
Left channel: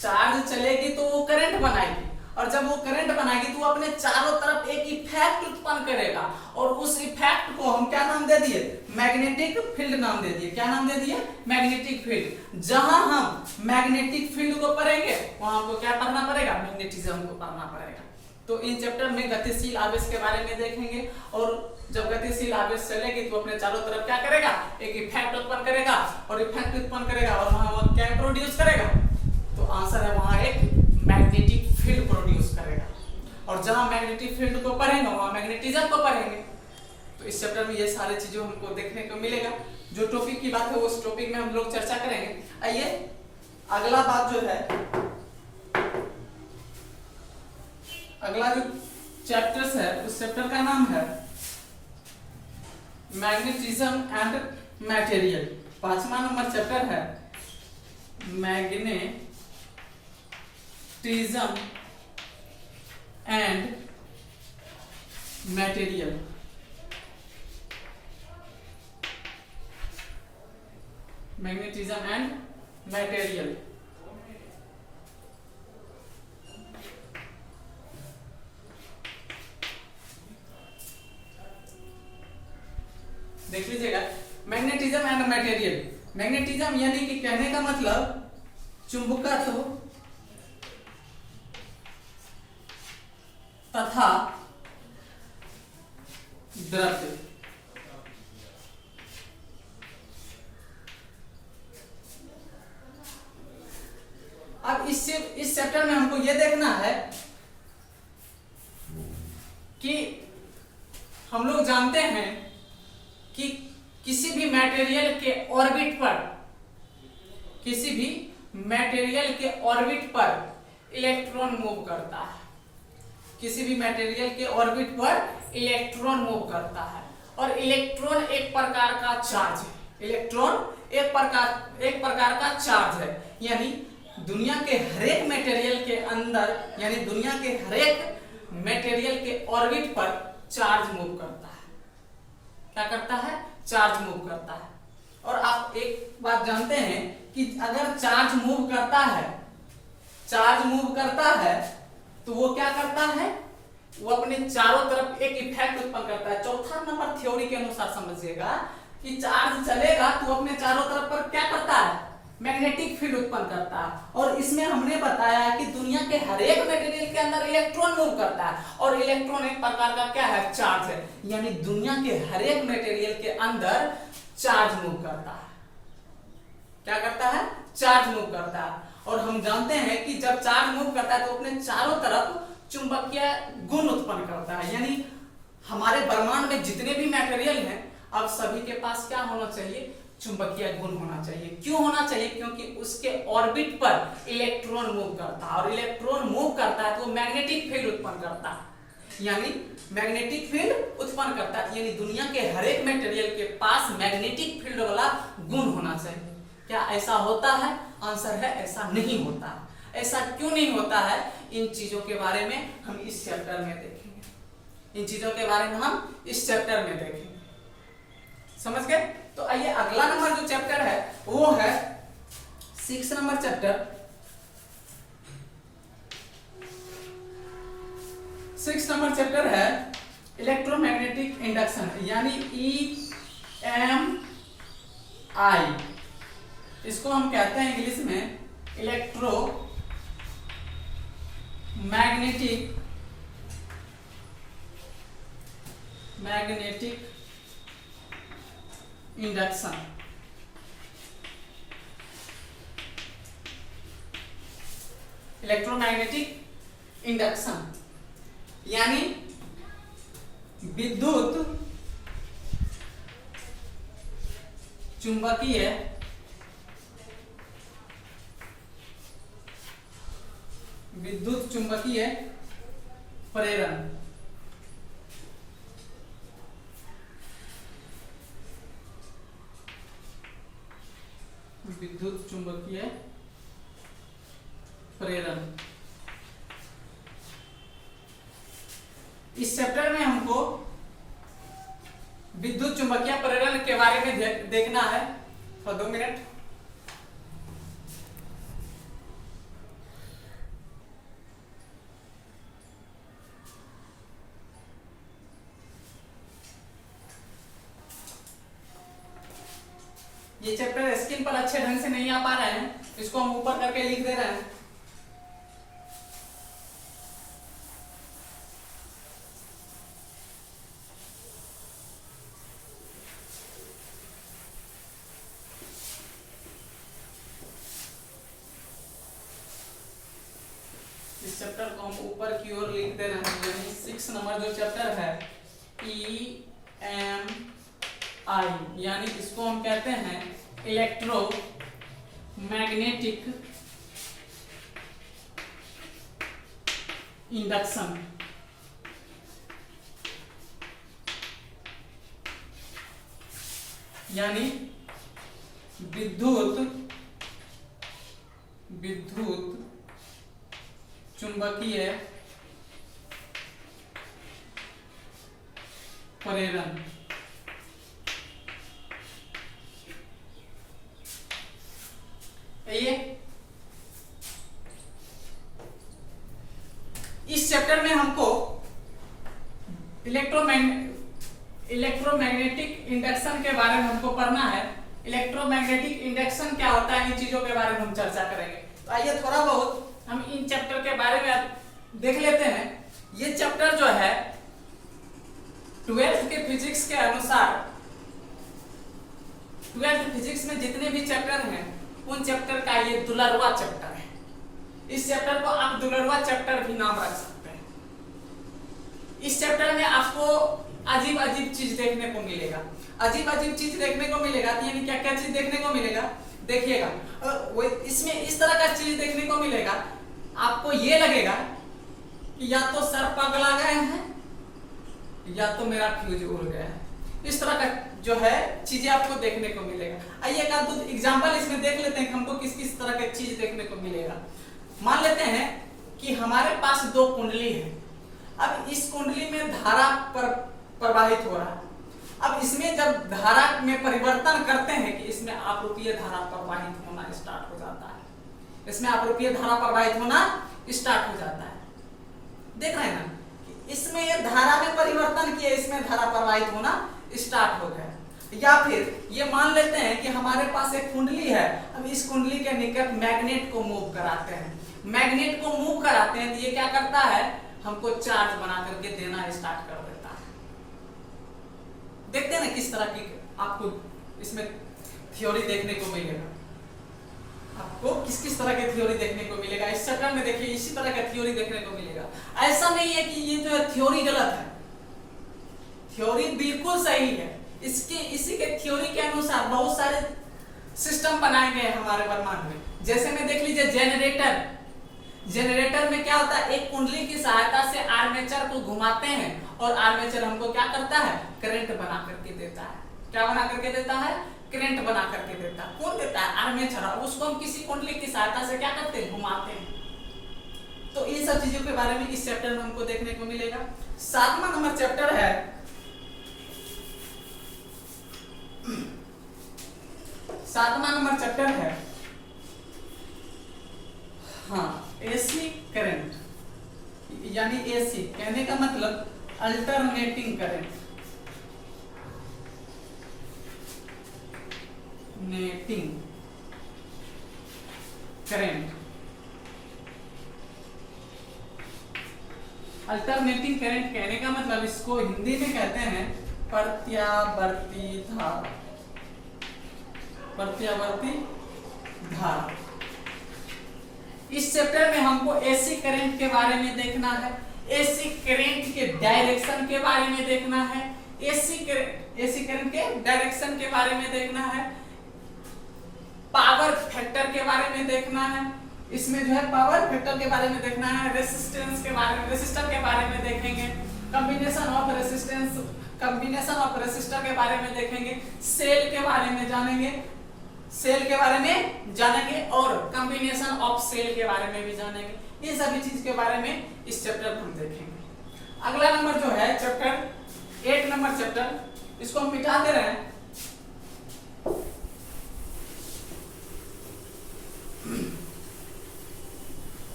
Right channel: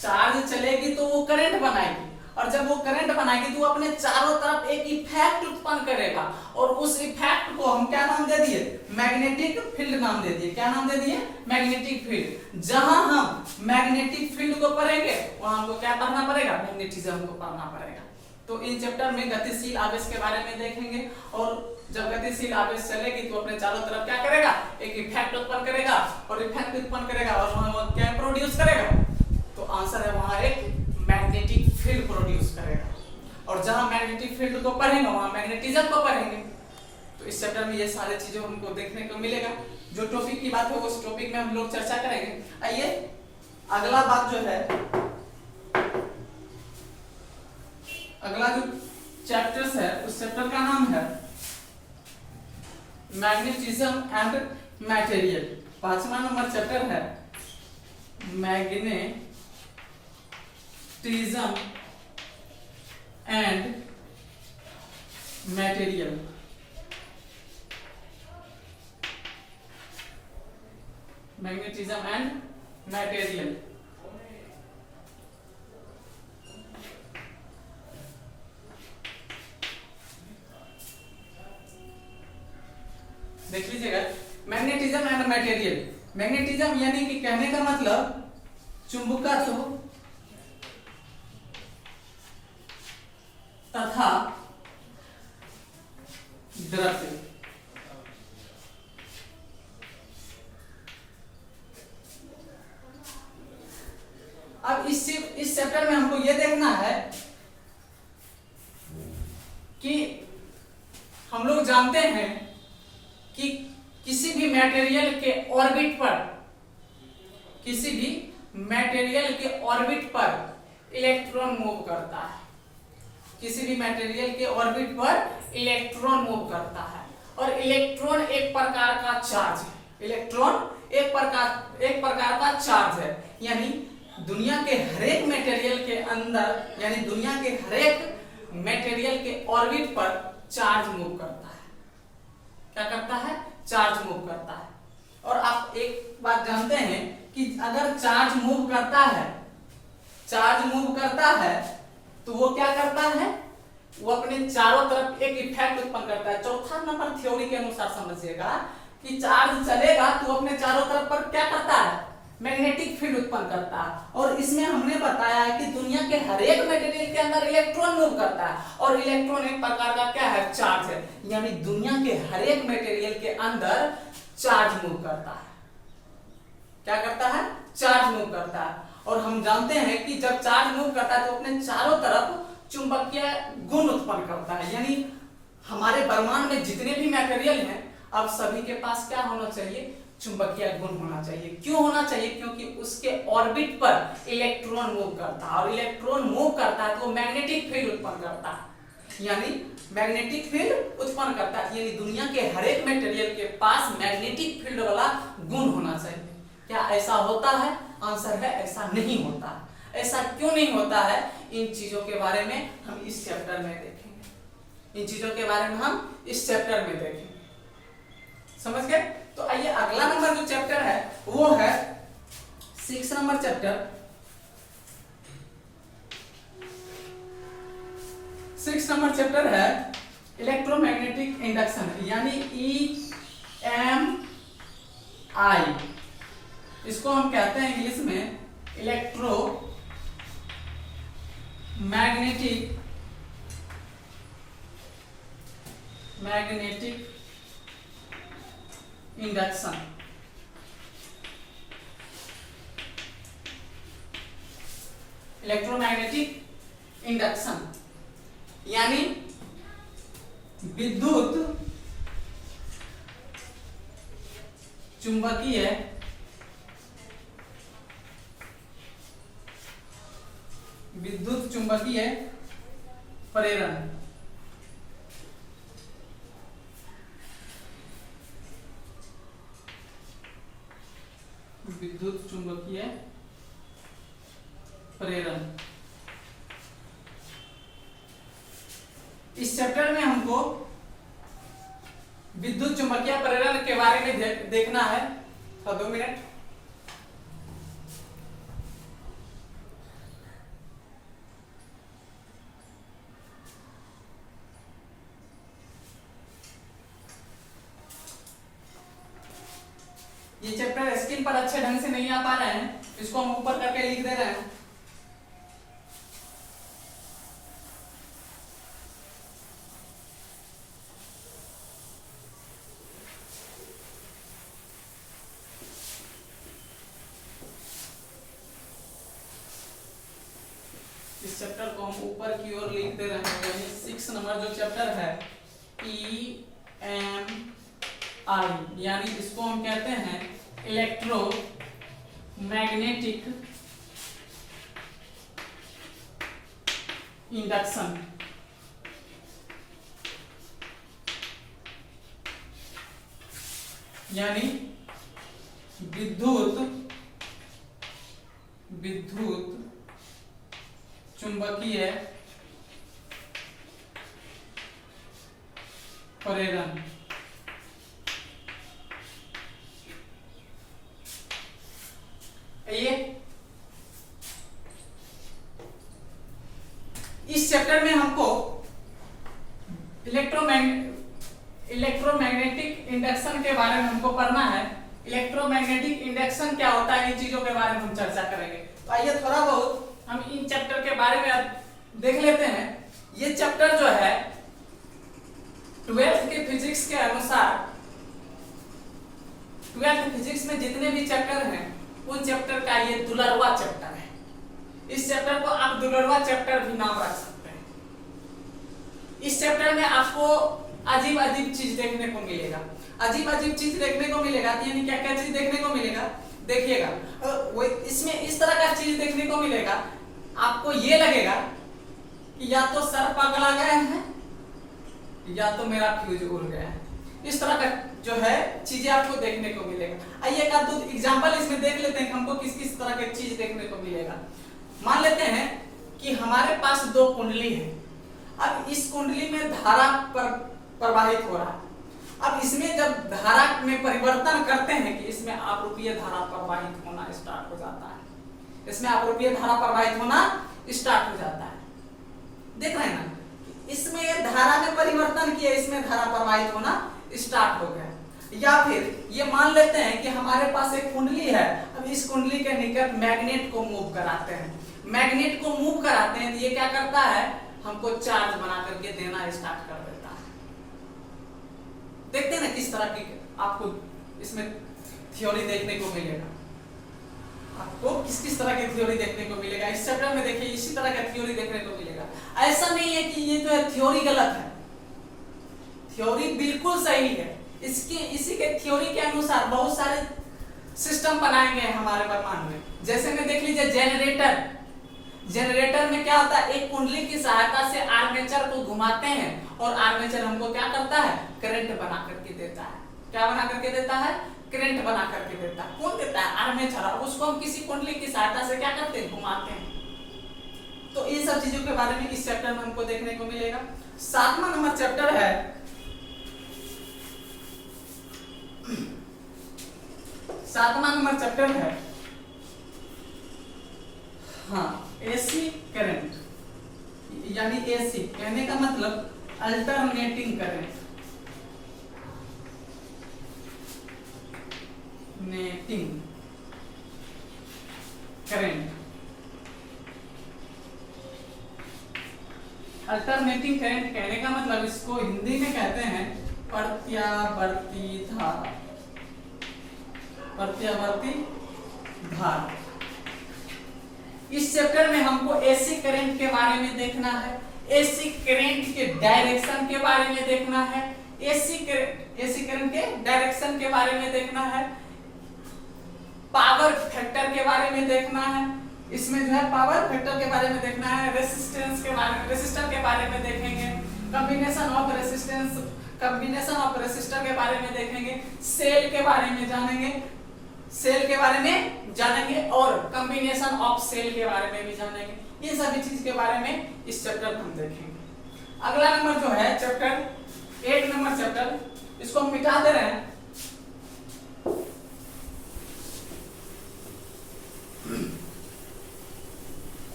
चार्ज चलेगी तो वो करंट बनाएगी, और जब वो करंट बनाएगी तो वो अपने चारों तरफ एक इफेक्ट उत्पन्न करेगा, और उस इफेक्ट को हम क्या नाम दे दिए, मैग्नेटिक फील्ड नाम दे दिए। क्या नाम दे दिए, मैग्नेटिक फील्ड। जहां हम मैग्नेटिक फील्ड को पढ़ेंगे वहां हमको क्या पढ़ना पड़ेगा, मैग्नेटिज्म को पढ़ना पड़ेगा। तो इन चैप्टर में गतिशील आवेश के बारे में देखेंगे, और जब गतिशील आवेश चलेगी तो अपने चारों तरफ क्या करेगा, एक इफेक्ट उत्पन्न करेगा, और इफेक्ट उत्पन्न करेगा और वहां वो क्या प्रोड्यूस करेगा, तो आंसर है वहां एक मैग्नेटिक फील्ड प्रोड्यूस करेगा। और जहां मैग्नेटिक फील्ड को पढ़ेंगे वहां मैग्नेटिज्म को पढ़ेंगे। तो इस चैप्टर में ये सारे चीजें हमको देखने को मिलेगा। जो टॉपिक की बात है उस टॉपिक में हम लोग चर्चा करेंगे। आइए, अगला बात जो है, अगला जो चैप्टर्स है उस चैप्टर का नाम है मैग्नेटिज्म एंड मटेरियल। 5वां नंबर चैप्टर है magnetism and material. Magnetism and material. देख लीजिएगा, मैग्नेटिज्म एंड मटेरियल। मैग्नेटिज्म यानी कि कहने का मतलब चुंबकत्व तथा द्रव्य। अब इस चैप्टर में हमको यह देखना है कि हम लोग जानते हैं कि किसी भी मटेरियल के ऑर्बिट पर, किसी भी मटेरियल के ऑर्बिट पर इलेक्ट्रॉन मूव करता है, किसी भी मटेरियल के ऑर्बिट पर इलेक्ट्रॉन मूव करता है। और इलेक्ट्रॉन एक प्रकार का चार्ज है, इलेक्ट्रॉन एक प्रकार का चार्ज है। यानी दुनिया के हरेक मटेरियल के अंदर, यानी दुनिया के हरेक मटेरियल के ऑर्बिट पर चार्ज मूव करता है। क्या करता है? चार्ज मूव करता है। और आप एक बात जानते हैं कि अगर चार्ज मूव करता है, चार्ज मूव करता है तो वो क्या करता है? वो अपने चारों तरफ एक इफेक्ट उत्पन्न करता है। चौथा नंबर थ्योरी के अनुसार समझिएगा कि चार्ज चलेगा तो अपने चारों तरफ पर क्या करता है? मैग्नेटिक फील्ड उत्पन्न करता है। और इसमें हमने बताया कि दुनिया के हर एक मटेरियल के अंदर इलेक्ट्रॉन मूव करता है, और इलेक्ट्रॉन एक प्रकार का क्या है? चार्ज है। यानी दुनिया के हर एक मटेरियल के अंदर चार्ज मूव करता है। क्या करता है? चार्ज मूव करता है। और हम जानते हैं कि जब चार्ज मूव करता है तो अपने चारों तरफ चुंबकीय गुण उत्पन्न करता है। यानी हमारे ब्रह्मांड में जितने भी मटेरियल हैं, अब सभी के पास क्या होना चाहिए? चुंबकीय गुण होना चाहिए। क्यों होना चाहिए? क्योंकि उसके ऑर्बिट पर इलेक्ट्रॉन मूव करता है, और इलेक्ट्रॉन मूव करता है तो वो मैग्नेटिक फील्ड उत्पन्न करता है। यानी मैग्नेटिक फील्ड उत्पन्न करता है। यानी दुनिया के हर एक मटेरियल के पास मैग्नेटिक फील्ड वाला गुण होना चाहिए। क्या ऐसा होता है? आंसर है ऐसा नहीं होता। ऐसा क्यों नहीं होता है? इन चीजों के बारे में हम इस चैप्टर में देखेंगे। इन चीजों के बारे में हम इस चैप्टर में देखेंगे। समझ गए? तो आइए अगला नंबर जो चैप्टर है वो है 6 नंबर चैप्टर। 6 नंबर चैप्टर है इलेक्ट्रोमैग्नेटिक इंडक्शन, यानी EMI। इसको हम कहते हैं इंग्लिश में electro magnetic induction. Electromagnetic induction यानी विद्युत चुंबकीय प्रेरण। विद्युत चुंबकीय प्रेरण। इस चैप्टर में हमको विद्युत चुंबकीय प्रेरण के बारे में देखना है। तो 2 मिनट। ये चैप्टर स्क्रीन पर अच्छे ढंग से नहीं आ पा रहे हैं, इसको हम ऊपर करके लिख दे रहे हैं। इस चैप्टर को हम ऊपर की ओर लिख दे रहे हैं। यानी 6 नंबर जो चैप्टर है EMI, यानी इसको हम कहते हैं इलेक्ट्रो मैग्नेटिक इंडक्शन। यानी विद्युत चुंबकीय प्रेरण। इस चैप्टर में हमको इलेक्ट्रोमैग्नेटिक इंडक्शन के बारे में हमको पढ़ना है। इलेक्ट्रोमैग्नेटिक इंडक्शन क्या होता है, इन चीजों के बारे में हम चर्चा करेंगे। तो आइए थोड़ा बहुत हम इन चैप्टर के बारे में देख लेते हैं। ये चैप्टर जो है 12th के फिजिक्स के अनुसार, 12th फिजिक्स में जितने भी चैप्टर हैं उन चैप्टर का ये 12वां चैप्टर है। इस चैप्टर को आप 12वां चैप्टर भी नाम रख सकते हैं। इस चैप्टर में आपको अजीब अजीब चीज देखने को मिलेगा। अजीब अजीब चीज देखने को मिलेगा तो यानी क्या क्या चीज देखने को मिलेगा, देखिएगा वो इसमें इस तरह का चीज देखने को मिलेगा। आपको ये लगेगा कि या तो सर पगला गए हैं या तो मेरा फ्यूज उड़ गया है। इस तरह का जो है चीजें आपको देखने को मिलेगा। आइए एक दो एग्जांपल इसमें देख लेते हैं हमको किस किस तरह के चीज देखने को मिलेगा। मान लेते हैं कि हमारे पास दो कुंडली है। अब इस कुंडली में धारा प्रवाहित हो रहा है। अब इसमें जब धारा में परिवर्तन करते हैं कि इसमें आपरूपीय धारा प्रवाहित होना स्टार्ट हो जाता है, इसमें आपरूपीय धारा प्रवाहित होना स्टार्ट हो जाता है। देख रहे हैं ना, इसमें ये धारा में परिवर्तन किया, इसमें धारा प्रवाहित होना स्टार्ट हो गया। या फिर ये मान लेते हैं कि हमारे पास एक कुंडली है। अब इस कुंडली के निकट मैग्नेट को मूव कराते हैं। मैग्नेट को मूव कराते हैं तो ये क्या करता है, हमको चार्ज बना करके देना स्टार्ट कर देता है। देखते हैं ना किस तरह की आपको इसमें थ्योरी देखने को मिलेगा। आपको किस किस तरह की थ्योरी देखने को मिलेगा इस चैप्टर में। देखिए इसी तरह का थ्योरी देखने को मिलेगा। ऐसा नहीं है कि ये जो है थ्योरी गलत है, थ्योरी बिल्कुल सही है। इसी के थ्योरी के अनुसार बहुत सारे सिस्टम बनाए गए हैं हमारे ब्रह्मांड में। जैसे में देख लीजिए जेनरेटर। जेनरेटर में क्या होता है, एक कुंडली की सहायता से आर्मेचर को घुमाते हैं और आर्मेचर हमको क्या करता है, करंट बना करके देता है। क्या बना करके देता है, करंट बना करके देता है। कौन देता है, आर्मेचर। अब उसको हम किसी कुंडली की सहायता से क्या करते हैं, घुमाते हैं। तो इन सब चीजों के बारे में इस चैप्टर में हमको देखने को मिलेगा। 7वां नंबर चैप्टर है 7वां नंबर चैप्टर है एसी करंट, यानी एसी कहने का मतलब alternating current. Netting current, alternating current कहने का मतलब इसको हिंदी में कहते हैं प्रत्यावर्ती धारा। प्रत्यावर्ती धारा। इस चैप्टर में हमको एसी करंट के बारे में देखना है, एसी करंट के डायरेक्शन के बारे में देखना है, एसी करंट के डायरेक्शन के बारे में देखना है, पावर फैक्टर के बारे में देखना है। इसमें जो है पावर फैक्टर के बारे में देखना है, रेजिस्टेंस के बारे में, रेसिस्टर के बारे में देखेंगे, combination of resistance, combination of resistor के बारे में देखेंगे, सेल के बारे में जानेंगे, सेल के बारे में जानेंगे और कॉम्बिनेशन ऑफ सेल के बारे में भी जानेंगे। इन सभी चीज के बारे में इस चैप्टर में हम देखेंगे। अगला नंबर जो है चैप्टर 8 नंबर चैप्टर, इसको हम मिटा दे रहे हैं।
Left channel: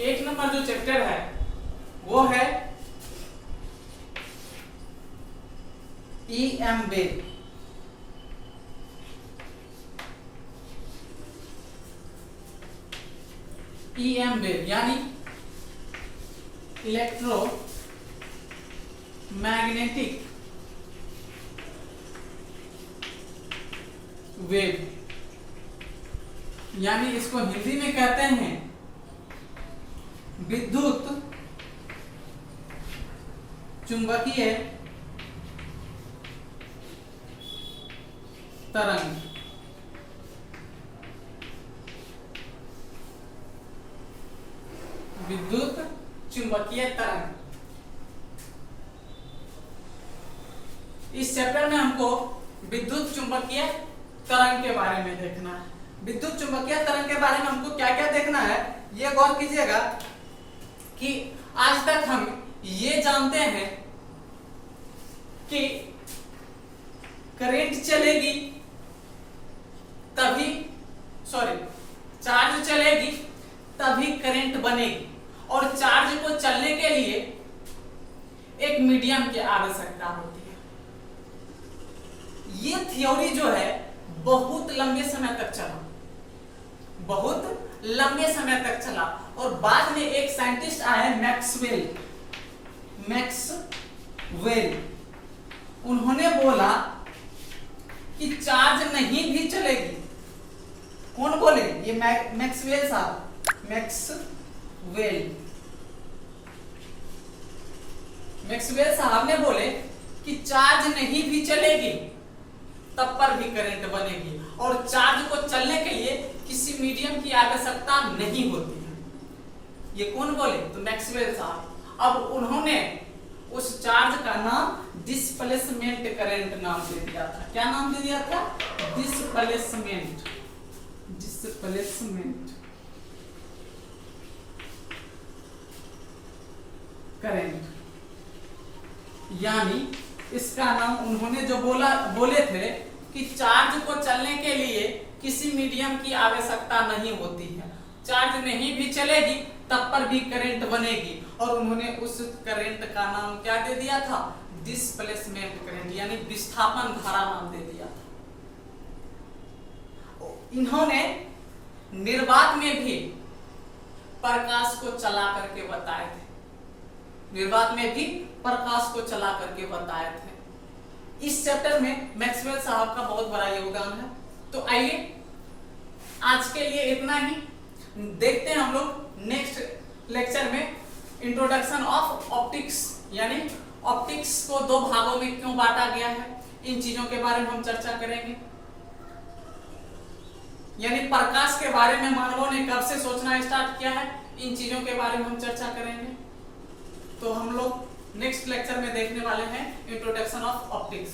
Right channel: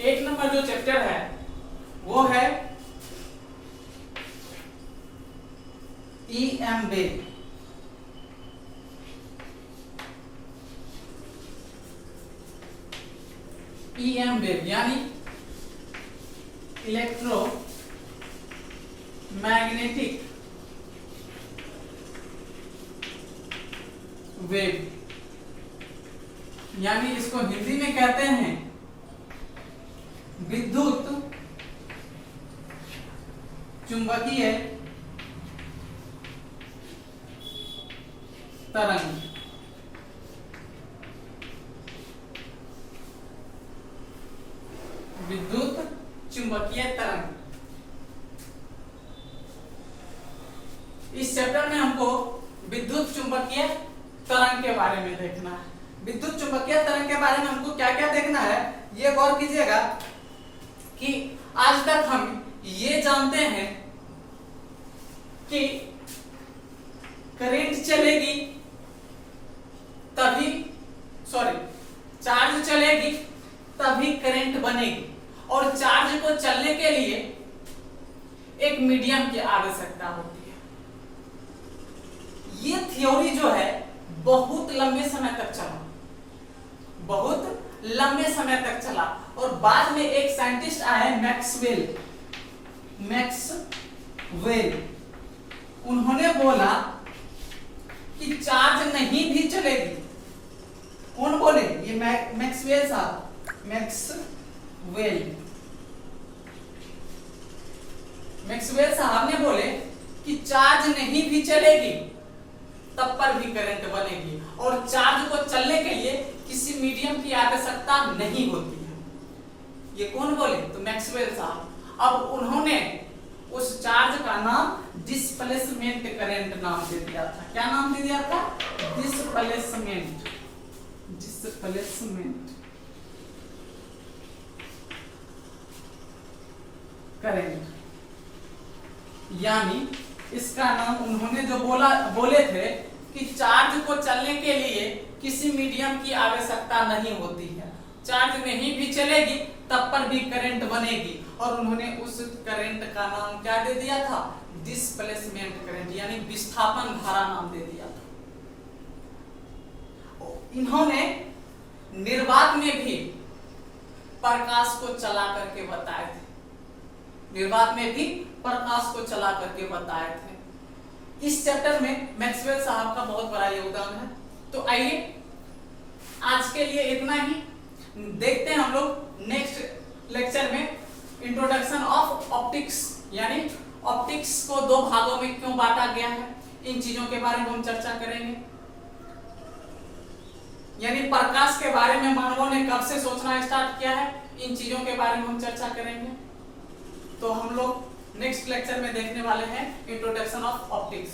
एक नंबर जो चैप्टर है वो है EM वेव। EM वेव यानी इलेक्ट्रो मैग्नेटिक वेव, यानी इसको हिंदी में कहते हैं विद्युत चुंबकीय तरंग। विद्युत चुंबकीय तरंग। इस चैप्टर में हमको विद्युत चुंबकीय तरंग के बारे में देखना है। विद्युत चुंबकीय तरंग के बारे में हमको क्या क्या देखना है, ये गौर कीजिएगा कि आज तक हम ये जानते हैं कि करंट चलेगी तभी, चार्ज चलेगी तभी करंट बनेगी और चार्ज को चलने के लिए एक मीडियम की आवश्यकता होती है। ये थ्योरी जो है बहुत लंबे समय तक चला, बहुत लंबे समय तक चला और बाद में एक साइंटिस्ट आए मैक्सवेल, उन्होंने बोला कि चार्ज नहीं भी चलेगी। कौन बोले, ये मैक्सवेल साहब, मैक्सवेल साहब ने बोले कि चार्ज नहीं भी चलेगी तब पर भी करंट बनेगी और चार्ज को चलने के लिए किसी मीडियम की आवश्यकता नहीं होती है। ये कौन बोले? तो मैक्सवेल साहब। अब उन्होंने उस चार्ज का नाम डिस्प्लेसमेंट करंट नाम दे दिया था। क्या नाम दे दिया था? Displacement current. यानी इसका नाम उन्होंने जो बोले थे कि चार्ज को चलने के लिए किसी मीडियम की आवश्यकता नहीं होती है, चार्ज नहीं भी चलेगी तब पर भी करंट बनेगी, और उन्होंने उस करंट का नाम क्या दे दिया था? डिस्प्लेसमेंट करंट, यानी विस्थापन धारा नाम दे दिया था। इन्होंने निर्वात में भी प्रकाश को चला करके बताए थे, निर्वात में भी प्रकाश को चला करके बताए थे। इस चैप्टर में मैक्सवेल साहब का बहुत बड़ा योगदान है। तो आइए आज के लिए इतना ही, देखते हैं हम लोग नेक्स्ट लेक्चर में इंट्रोडक्शन ऑफ ऑप्टिक्स, यानी ऑप्टिक्स को दो भागों में क्यों बांटा गया है, इन चीजों के बारे में हम चर्चा करेंगे। यानी प्रकाश के बारे में मानवों ने कब से सोचना स्टार्ट किया है, इन चीजों के बारे में हम चर्चा करेंगे। तो हम लोग नेक्स्ट लेक्चर में देखने वाले हैं इंट्रोडक्शन ऑफ ऑप्टिक्स।